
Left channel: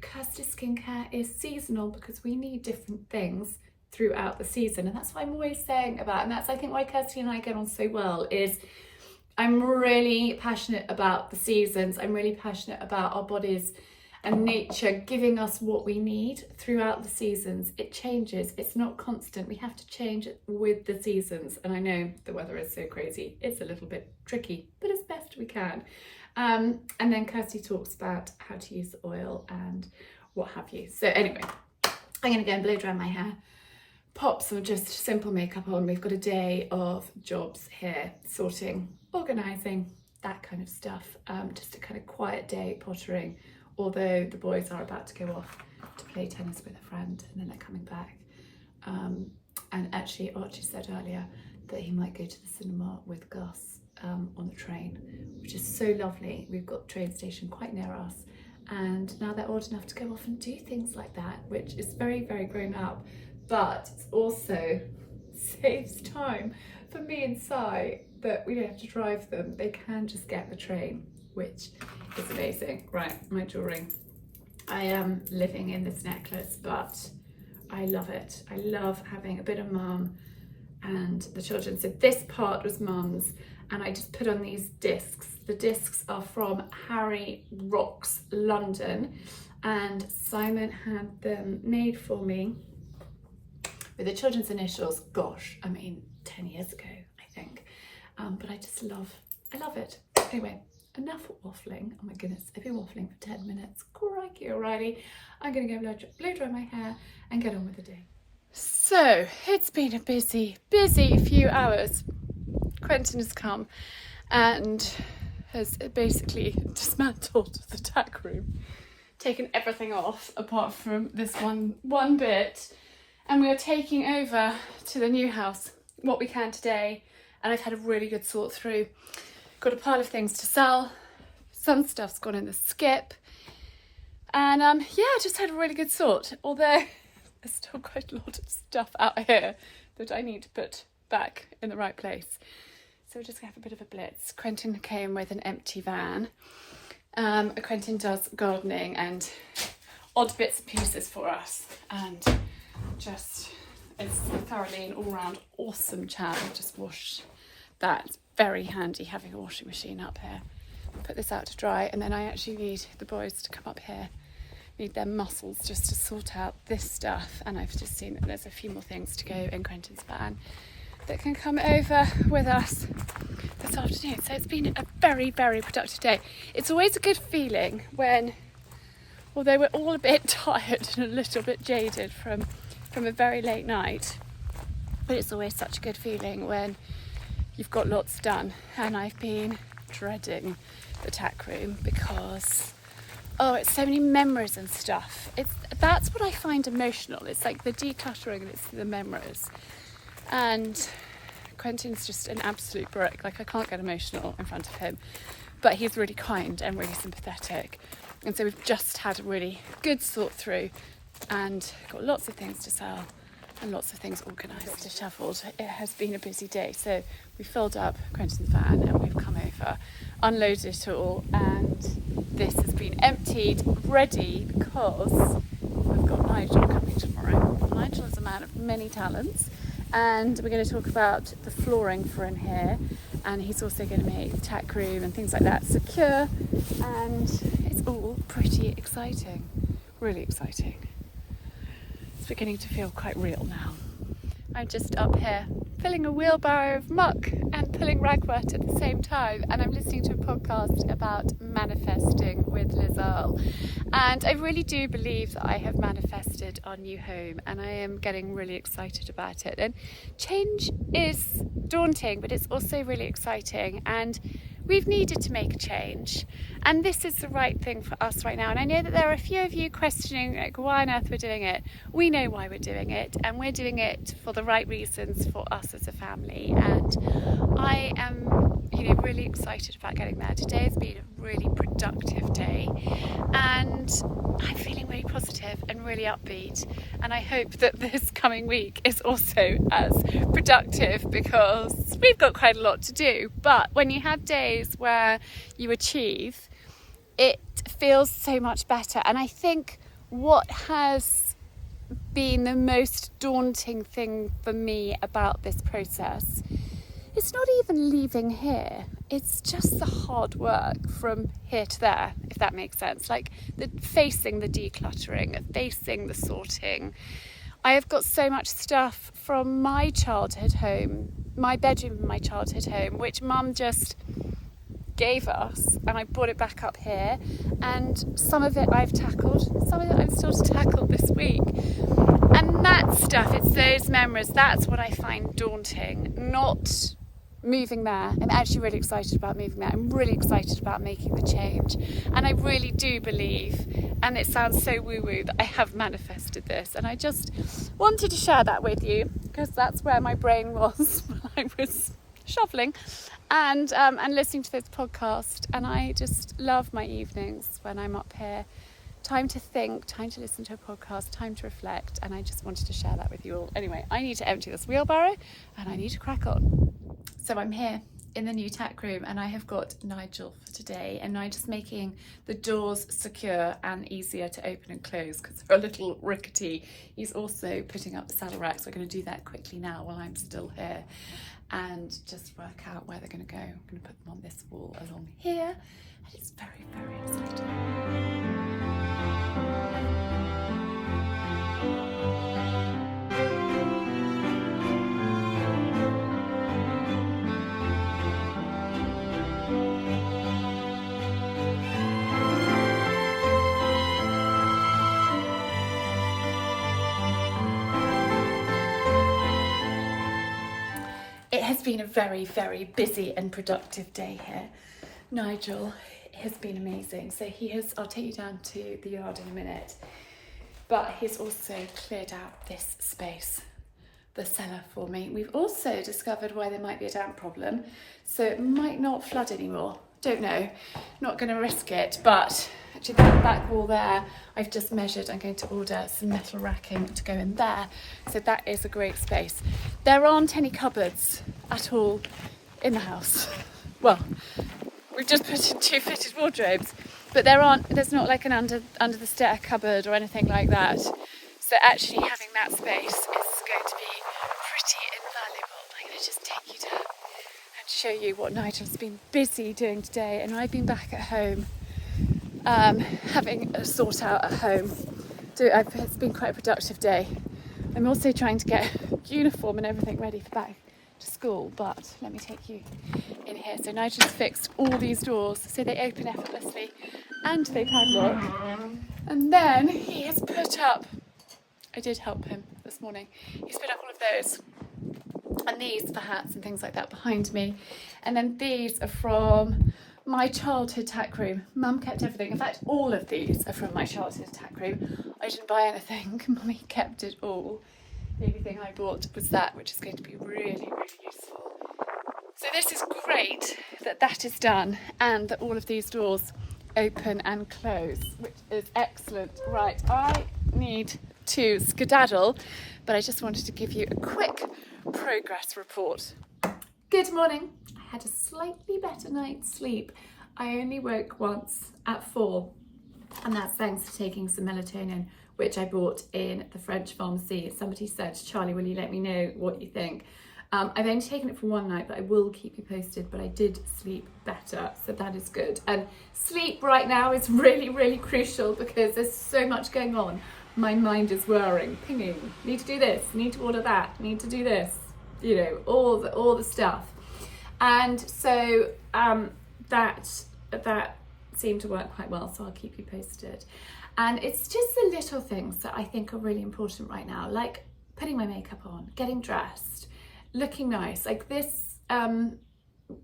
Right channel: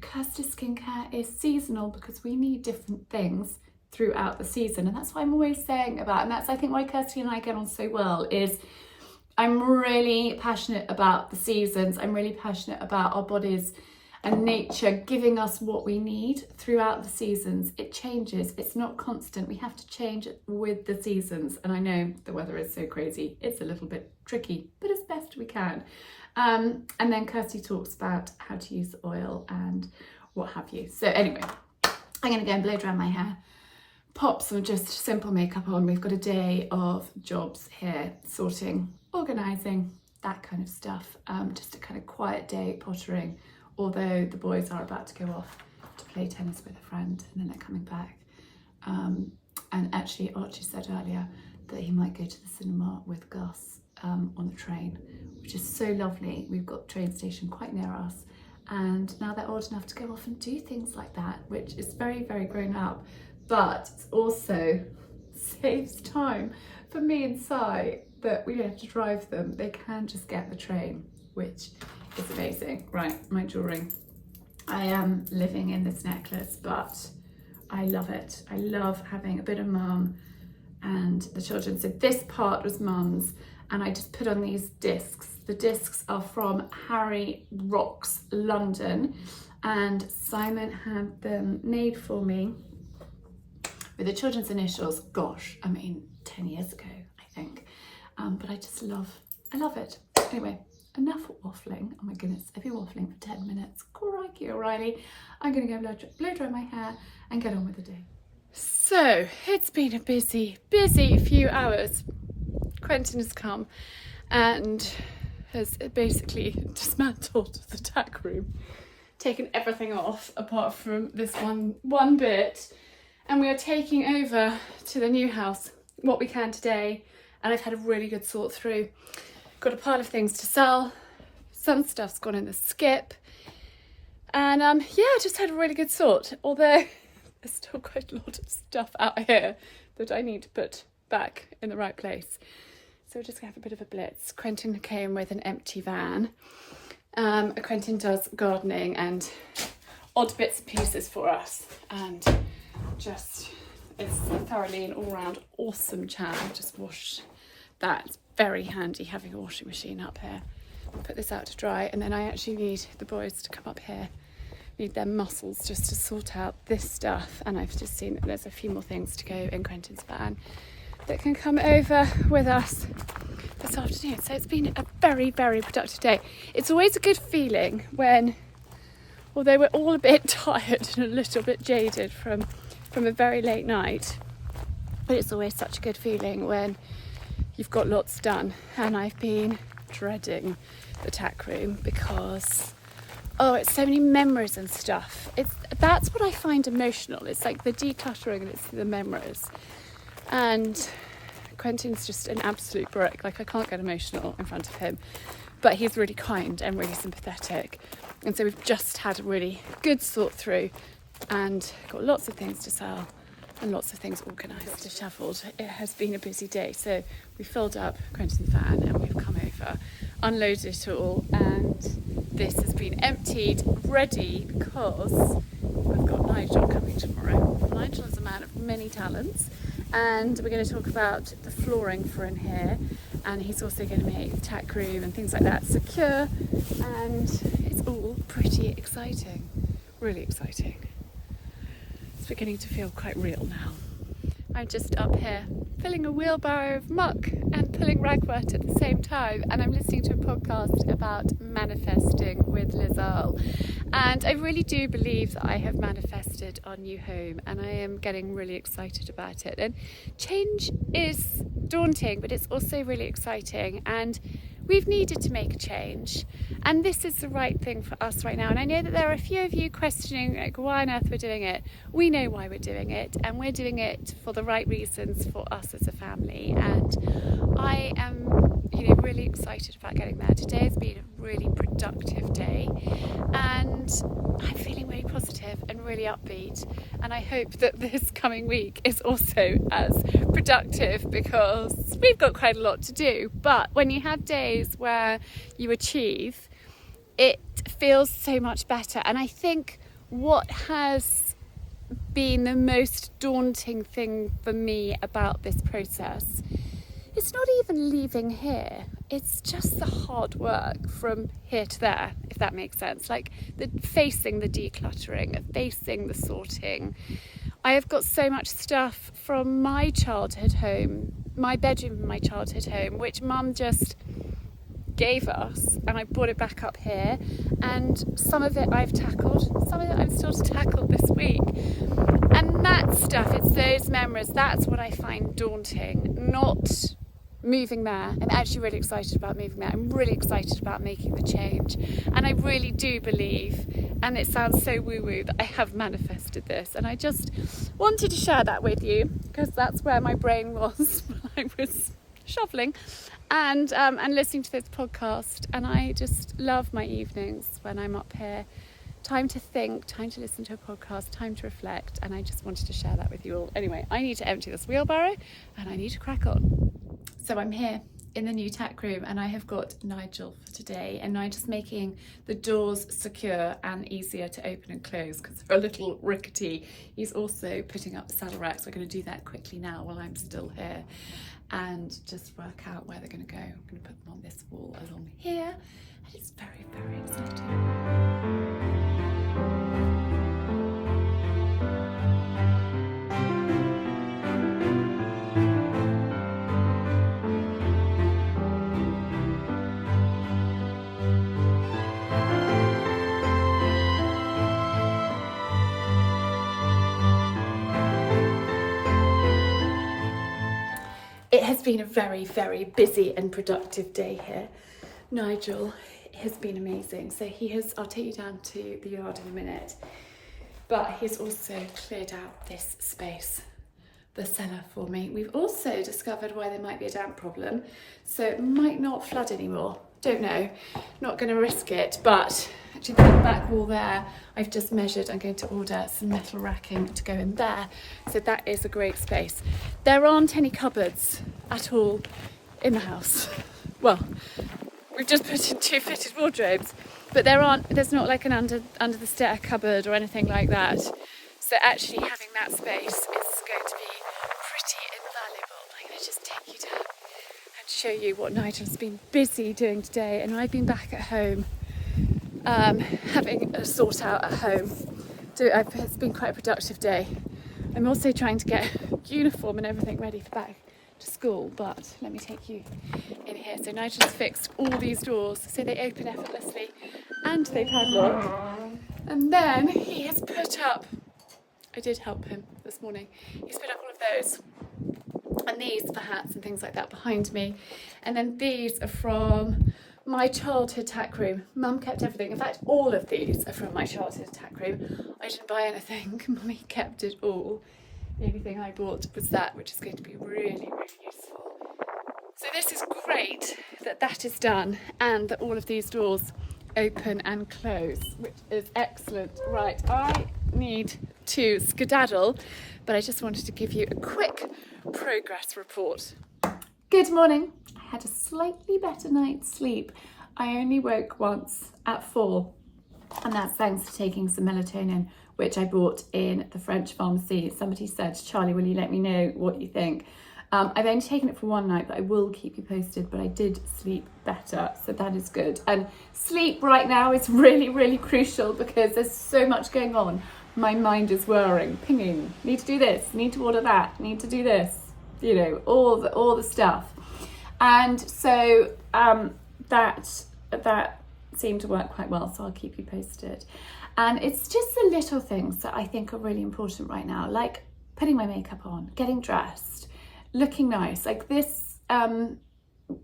Kirsty's skincare is seasonal because we need different things throughout the season, and that's what I'm always saying about, and that's I think why Kirsty and I get on so well, is I'm really passionate about the seasons. I'm really passionate about our bodies and nature giving us what we need throughout the seasons. It changes, it's not constant. We have to change it with the seasons. And I know the weather is so crazy, it's a little bit tricky, but as best we can. And then Kirsty talks about how to use the oil and what have you. So anyway, I'm gonna go and blow dry my hair, pop some just simple makeup on. We've got a day of jobs here, sorting, organising, that kind of stuff. Just a kind of quiet day, pottering, although the boys are about to go off to play tennis with a friend and then they're coming back. And actually Archie said earlier that he might go to the cinema with Gus on the train, which is so lovely. We've got the train station quite near us, and now they're old enough to go off and do things like that, which is very, very grown up, but it also saves time for me and Si, that we don't have to drive them. They can just get the train, which is amazing. Right, my jewellery. I am living in this necklace, but I love it. I love having a bit of mum and the children. So this part was mum's, and I just put on these discs. The discs are from Harry Rocks London, and Simon had them made for me with the children's initials. Gosh, I mean 10 years ago, I think. But I just love it. Anyway, enough waffling. Oh my goodness, I've been waffling for 10 minutes. Crikey O'Reilly. I'm gonna go blow dry my hair and get on with the day. So it's been a busy few hours. Quentin has come and has basically dismantled the tack room, taken everything off apart from this one bit, and we are taking over to the new house what we can today. And I've had a really good sort through. Got a pile of things to sell. Some stuff's gone in the skip. And yeah, I just had a really good sort. Although there's still quite a lot of stuff out here that I need to put back in the right place. So we're just gonna have a bit of a blitz. Quentin came with an empty van. Quentin does gardening and odd bits and pieces for us. And just, it's thoroughly an all-round awesome chap. I've just washed that. It's very handy having a washing machine up here. Put this out to dry, and then I actually need the boys to come up here. Need their muscles just to sort out this stuff. And I've just seen that there's a few more things to go in Quentin's van that can come over with us this afternoon. So it's been a very, very productive day. It's always a good feeling when, although we're all a bit tired and a little bit jaded from a very late night, but it's always such a good feeling when you've got lots done. And I've been dreading the tack room because, oh, it's so many memories and stuff. That's what I find emotional. It's like the decluttering, it's the memories. And Quentin's just an absolute brick. Like, I can't get emotional in front of him, but he's really kind and really sympathetic. And so we've just had a really good sort through and got lots of things to sell and lots of things organised, dishevelled. It has been a busy day. So we filled up Quentin's van and we've come over, unloaded it all, and this has been emptied, ready, because I've got Nigel coming tomorrow. Nigel is a man of many talents, and we're going to talk about the flooring for in here, and he's also going to make the tack room and things like that secure, and it's all pretty exciting, really exciting. It's beginning to feel quite real now. I'm just up here filling a wheelbarrow of muck and pulling ragwort at the same time, and I'm listening to a podcast about manifesting with Liz Earle, and I really do believe that I have manifested our new home, and I am getting really excited about it. And change is daunting, but it's also really exciting, and we've needed to make a change, and this is the right thing for us right now. And I know that there are a few of you questioning, like, why on earth we're doing it. We know why we're doing it, and we're doing it for the right reasons for us as a family. And I am, really excited about getting there. Today has been a really productive day, and I'm feeling really positive and really upbeat. And I hope that this coming week is also as productive, because we've got quite a lot to do. But when you have days where you achieve, it feels so much better. And I think what has been the most daunting thing for me about this process, it's not even leaving here, it's just the hard work from here to there, if that makes sense. Like facing the decluttering, facing the sorting. I have got so much stuff from my childhood home, my bedroom in my childhood home, which Mum just gave us, and I brought it back up here, and some of it I've tackled, some of it I'm still to tackle this week. And that stuff, it's those memories, that's what I find daunting, not moving there. I'm actually really excited about moving there. I'm really excited about making the change, and I really do believe, and it sounds so woo-woo, that I have manifested this. And I just wanted to share that with you, because that's where my brain was when I was shoveling and listening to this podcast. And I just love my evenings when I'm up here. Time to think, time to listen to a podcast, time to reflect, and I just wanted to share that with you all. Anyway, I need to empty this wheelbarrow and I need to crack on. So I'm here in the new Tack room, and I have got Nigel for today, and Nigel's making the doors secure and easier to open and close because they're a little rickety. He's also putting up the saddle racks. We're going to do that quickly now while I'm still here and just work out where they're going to go. I'm going to put them on this wall along here, and it's very, very exciting. It has been a very, very busy and productive day here. Nigel has been amazing. So I'll take you down to the yard in a minute, but he's also cleared out this space, the cellar, for me. We've also discovered why there might be a damp problem, so it might not flood anymore. Don't know, not going to risk it, but actually the back wall there, I've just measured. I'm going to order some metal racking to go in there, so that is a great space. There aren't any cupboards at all in the house. Well, we've just put in 2 fitted wardrobes, but there's not like an under the stair cupboard or anything like that. So actually having that space is going to be pretty invaluable. I'm going to just take you down and show you what Nigel's been busy doing today, and I've been back at home having a sort out at home. It's been quite a productive day. I'm also trying to get uniform and everything ready for back to school, but let me take you in here. So Nigel's fixed all these doors so they open effortlessly and they padlock. And then he has put up, I did help him this morning, he's put up all of those. And these for hats and things like that behind me. And then these are from my childhood tack room. Mum kept everything. In fact, all of these are from my childhood tack room. I didn't buy anything. Mummy kept it all. The only thing I bought was that, which is going to be really, really useful. So this is great that that is done, and that all of these doors open and close, which is excellent. Right, I need to skedaddle, but I just wanted to give you a quick progress report. Good morning. I had a slightly better night's sleep. I only woke once at 4, and that's thanks to taking some melatonin, which I bought in the French pharmacy. Somebody said, Charlie, will you let me know what you think? I've only taken it for one night, but I will keep you posted. But I did sleep better, so that is good. And sleep right now is really, really crucial because there's so much going on. My mind is whirring, pinging. Need to do this, need to order that, need to do this. You know, all the stuff. And so that seemed to work quite well, so I'll keep you posted. And it's just the little things that I think are really important right now, like putting my makeup on, getting dressed, looking nice. Like this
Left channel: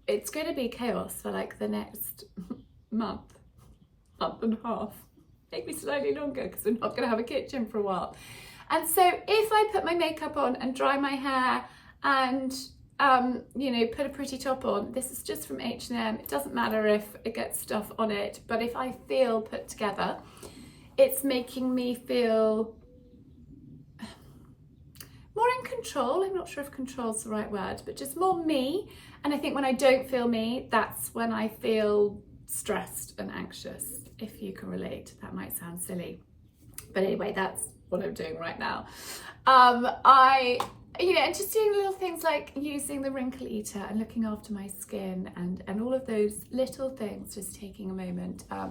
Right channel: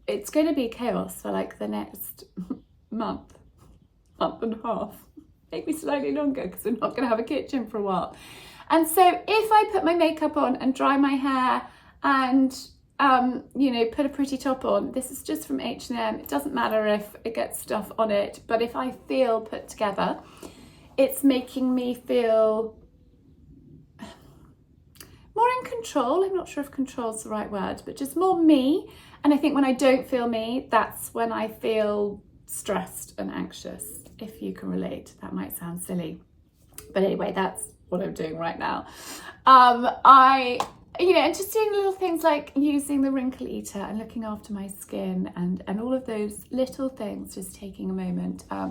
it's going to be chaos for like the next month and a half, maybe slightly longer, because we're not going to have a kitchen for a while. And so if I put my makeup on and dry my hair and you know, put a pretty top on, this is just from H&M, it doesn't matter if it gets stuff on it, but if I feel put together, it's making me feel more in control. I'm not sure if control is the right word, but just more me. And I think when I don't feel me, that's when I feel stressed and anxious. If you can relate, that might sound silly, but anyway, that's what I'm doing right now. You know, and just doing little things like using the wrinkle eater and looking after my skin and all of those little things, just taking a moment, I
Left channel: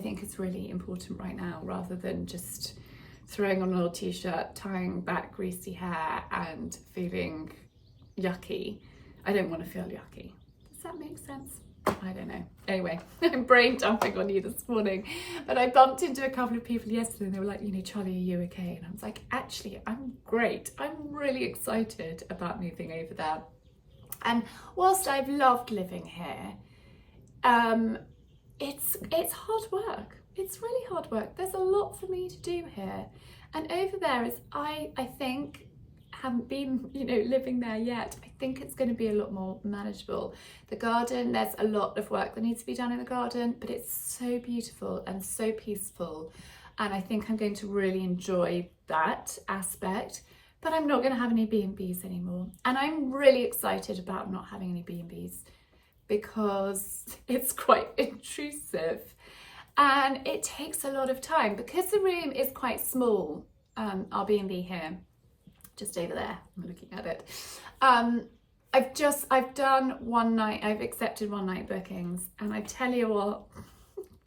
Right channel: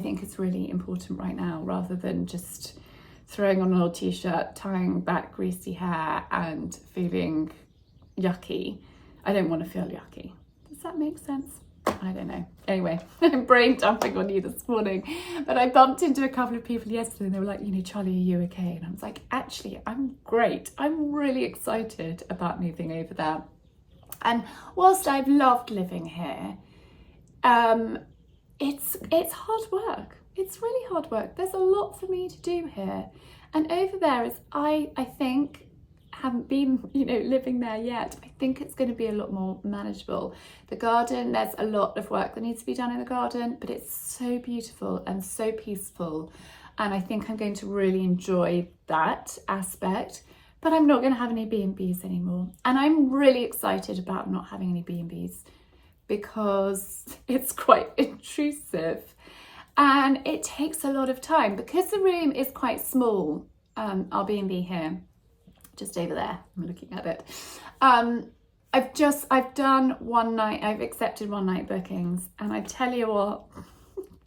think is really important right now, rather than just throwing on an old t-shirt, tying back greasy hair and feeling yucky. I don't want to feel yucky. Does that make sense? I don't know. Anyway, I'm brain dumping on you this morning, but I bumped into a couple of people yesterday and they were like, you know, Charlie, are you okay? And I was like, actually, I'm great. I'm really excited about moving over there. And whilst I've loved living here, it's hard work. It's really hard work. There's a lot for me to do here. And over there is, I think, haven't been, you know, living there yet. I think it's going to be a lot more manageable. The garden, there's a lot of work that needs to be done in the garden, but it's so beautiful and so peaceful. And I think I'm going to really enjoy that aspect, but I'm not going to have any B&Bs anymore. And I'm really excited about not having any B&Bs because it's quite intrusive and it takes a lot of time because the room is quite small. Our B&B here, just over there, I'm looking at it. I've done one night, I've accepted one night bookings, and I tell you what,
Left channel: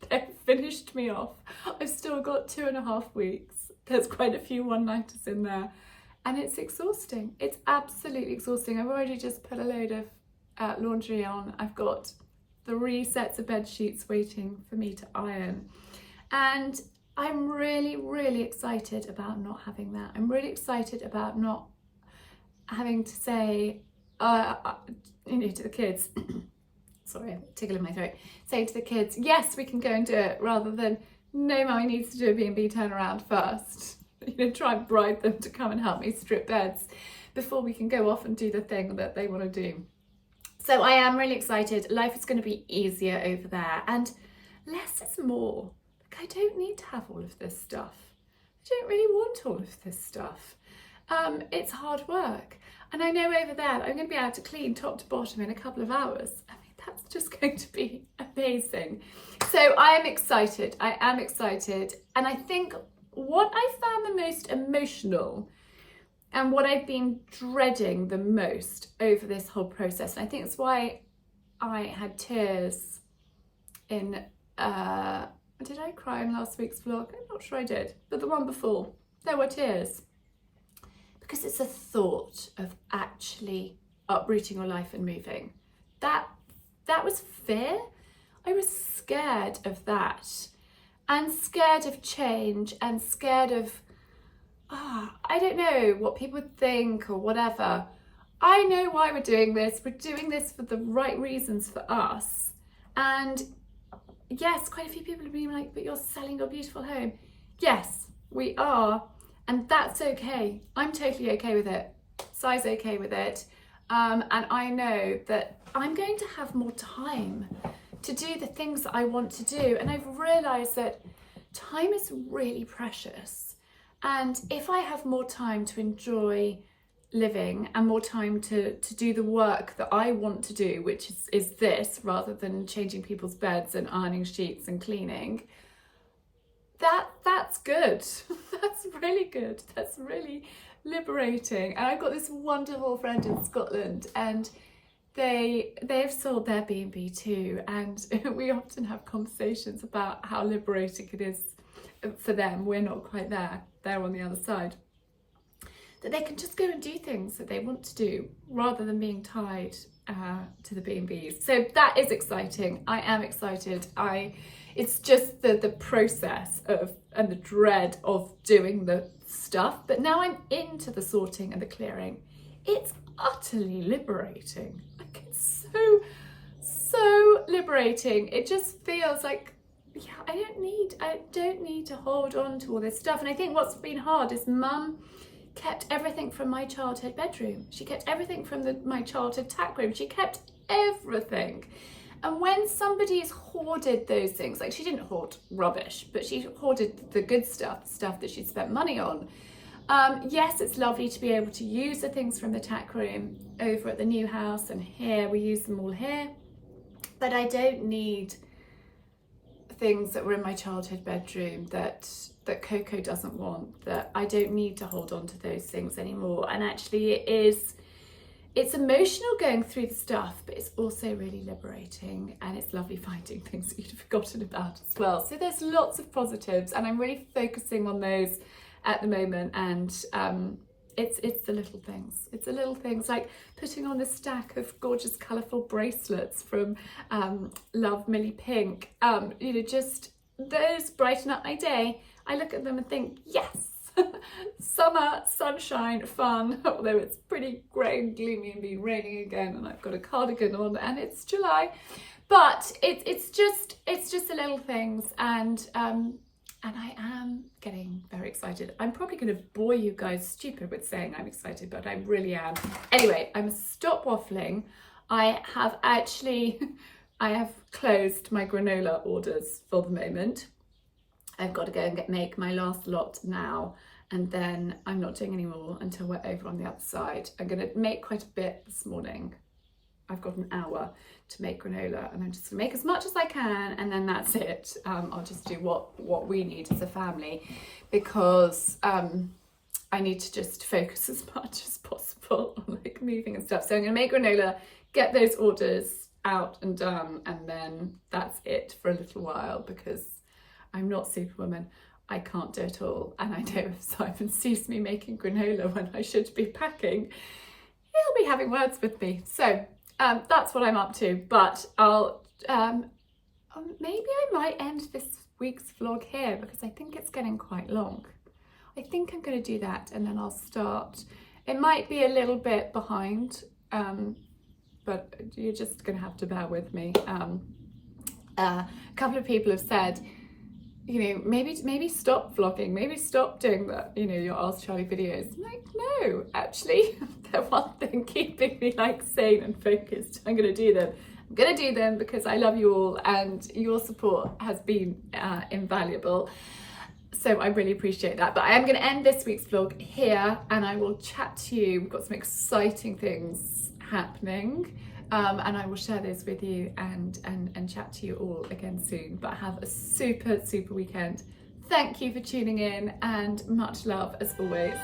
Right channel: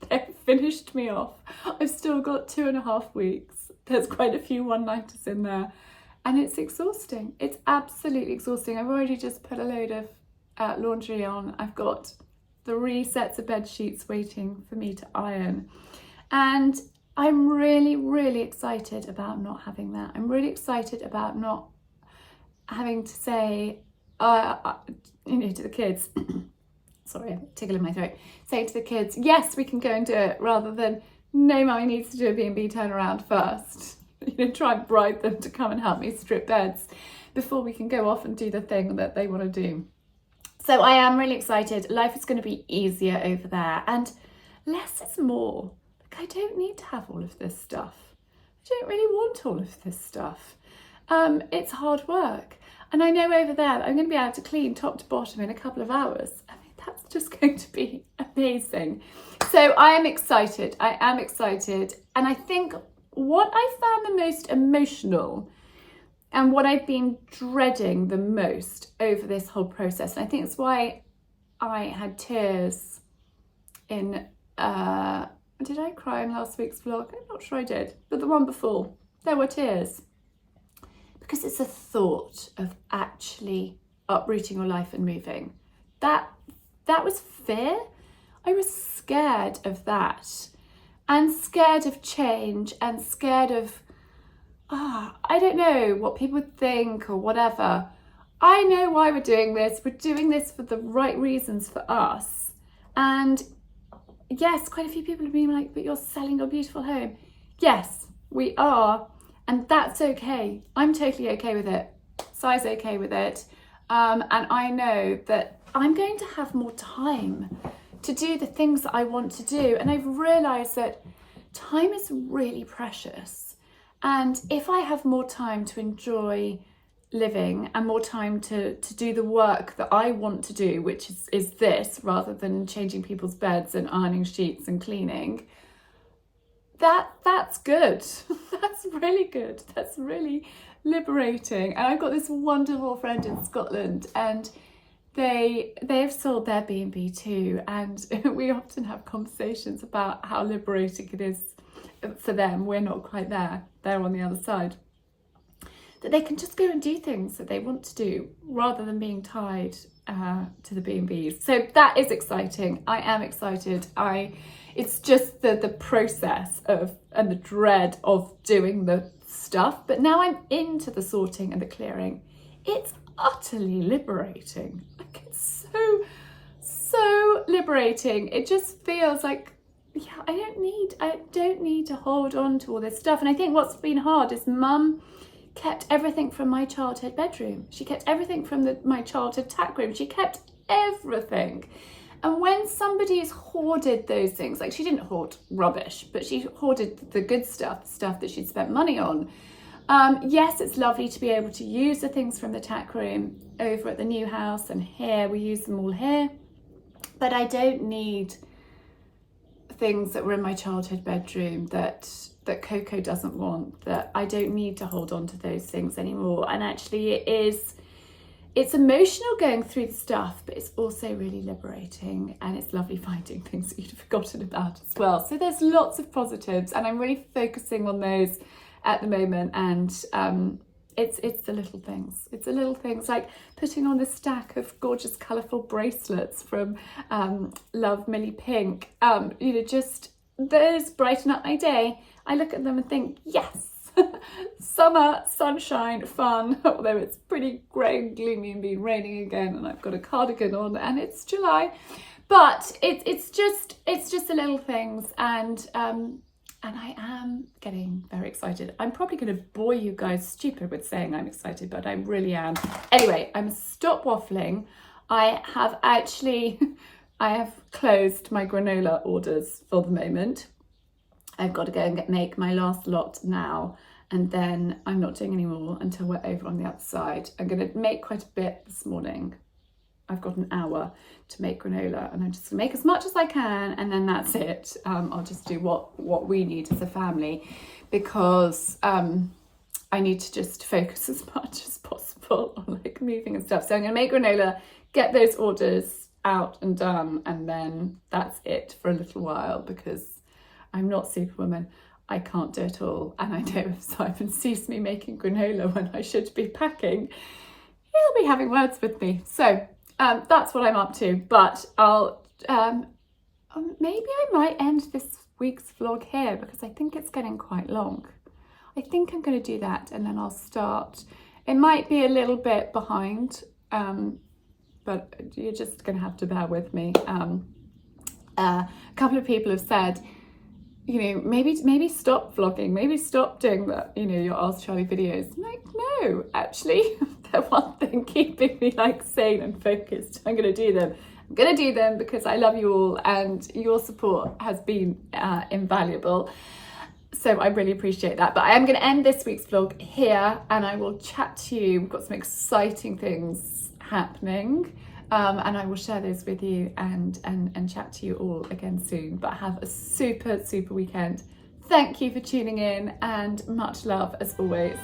they've finished me off. I've still got 2.5 weeks. There's quite a few one-nighters in there, and it's exhausting. It's absolutely exhausting. I've already just put a load of laundry on. I've got 3 sets of bed sheets waiting for me to iron, and I'm really, really excited about not having that. I'm really excited about not having to say, you know, to the kids, sorry, tickle in my throat, say to the kids, yes, we can go and do it, rather than, no, mummy needs to do a B&B turnaround first. You know, try and bribe them to come and help me strip beds before we can go off and do the thing that they want to do. So I am really excited. Life is going to be easier over there, and less is more. I don't need to have all of this stuff. I don't really want all of this stuff. It's hard work. And I know over there I'm going to be able to clean top to bottom in a couple of hours. I mean, that's just going to be amazing. So I am excited. I am excited. And I think what I found the most emotional and what I've been dreading the most over this whole process, and I think it's why I had tears in... did I cry in last week's vlog? I'm not sure I did, but the one before, there were tears. Because it's a thought of actually uprooting your life and moving. That was fear. I was scared of that. And scared of change and scared of, I don't know, what people would think or whatever. I know why we're doing this. We're doing this for the right reasons for us. And yes, quite a few people have been like, but you're selling your beautiful home. Yes, we are. And that's okay. I'm totally okay with it. Si's okay with it. And I know that I'm going to have more time to do the things that I want to do. And I've realised that time is really precious. And if I have more time to enjoy living and more time to do the work that I want to do, which is this, rather than changing people's beds and ironing sheets and cleaning, that's good. That's really good. That's really liberating. And I've got this wonderful friend in Scotland, and they've sold their B&B too, and we often have conversations about how liberating it is for them. We're not quite there. They're on the other side. That they can just go and do things that they want to do rather than being tied to the B&Bs. So that is exciting. I am excited. It's just the process of and the dread of doing the stuff. But now I'm into the sorting and the clearing. It's utterly liberating. Like, it's so liberating. It just feels like, yeah, I don't need to hold on to all this stuff. And I think what's been hard is Mum kept everything from my childhood bedroom. She kept everything from my childhood tack room. She kept everything. And when somebody's hoarded those things, like she didn't hoard rubbish, but she hoarded the good stuff, stuff that she'd spent money on. Yes, it's lovely to be able to use the things from the tack room over at the new house, and here we use them all here. But I don't need things that were in my childhood bedroom that Coco doesn't want, that I don't need to hold on to those things anymore. And actually it's emotional going through the stuff, but it's also really liberating, and it's lovely finding things that you'd forgotten about as well. So there's lots of positives, and I'm really focusing on those at the moment. And it's the little things. It's the little things, like putting on this stack of gorgeous colourful bracelets from Love Millie Pink. You know, just those brighten up my day. I look at them and think, yes, summer, sunshine, fun, although it's pretty grey and gloomy and been raining again, and I've got a cardigan on and it's July. But it's just the little things, and I am getting very excited. I'm probably going to bore you guys stupid with saying I'm excited, but I really am. Anyway, I'm stop waffling. I have closed my granola orders for the moment. I've got to go and make my last lot now, and then I'm not doing any more until we're over on the other side. I'm going to make quite a bit this morning. I've got an hour to make granola, and I'm just gonna make as much as I can, and then that's it. I'll just do what we need as a family, because I need to just focus as much as possible on like moving and stuff. So I'm gonna make granola, get those orders out and done, and then that's it for a little while, because I'm not Superwoman. I can't do it all, and I know if Simon sees me making granola when I should be packing, he'll be having words with me. So that's what I'm up to, but I'll maybe I might end this week's vlog here, because I think it's getting quite long. I think I'm going to do that, and then I'll start. It might be a little bit behind, but you're just going to have to bear with me. A couple of people have said, you know, maybe stop vlogging, maybe stop doing that, you know, your Ask Charlie videos. I'm like, no, actually, they're one thing keeping me like sane and focused. I'm going to do them. I'm going to do them because I love you all, and your support has been invaluable. So I really appreciate that. But I am going to end this week's vlog here, and I will chat to you. We've got some exciting things happening. And I will share those with you and chat to you all again soon. But have a super weekend. Thank you for tuning in, and much love as always.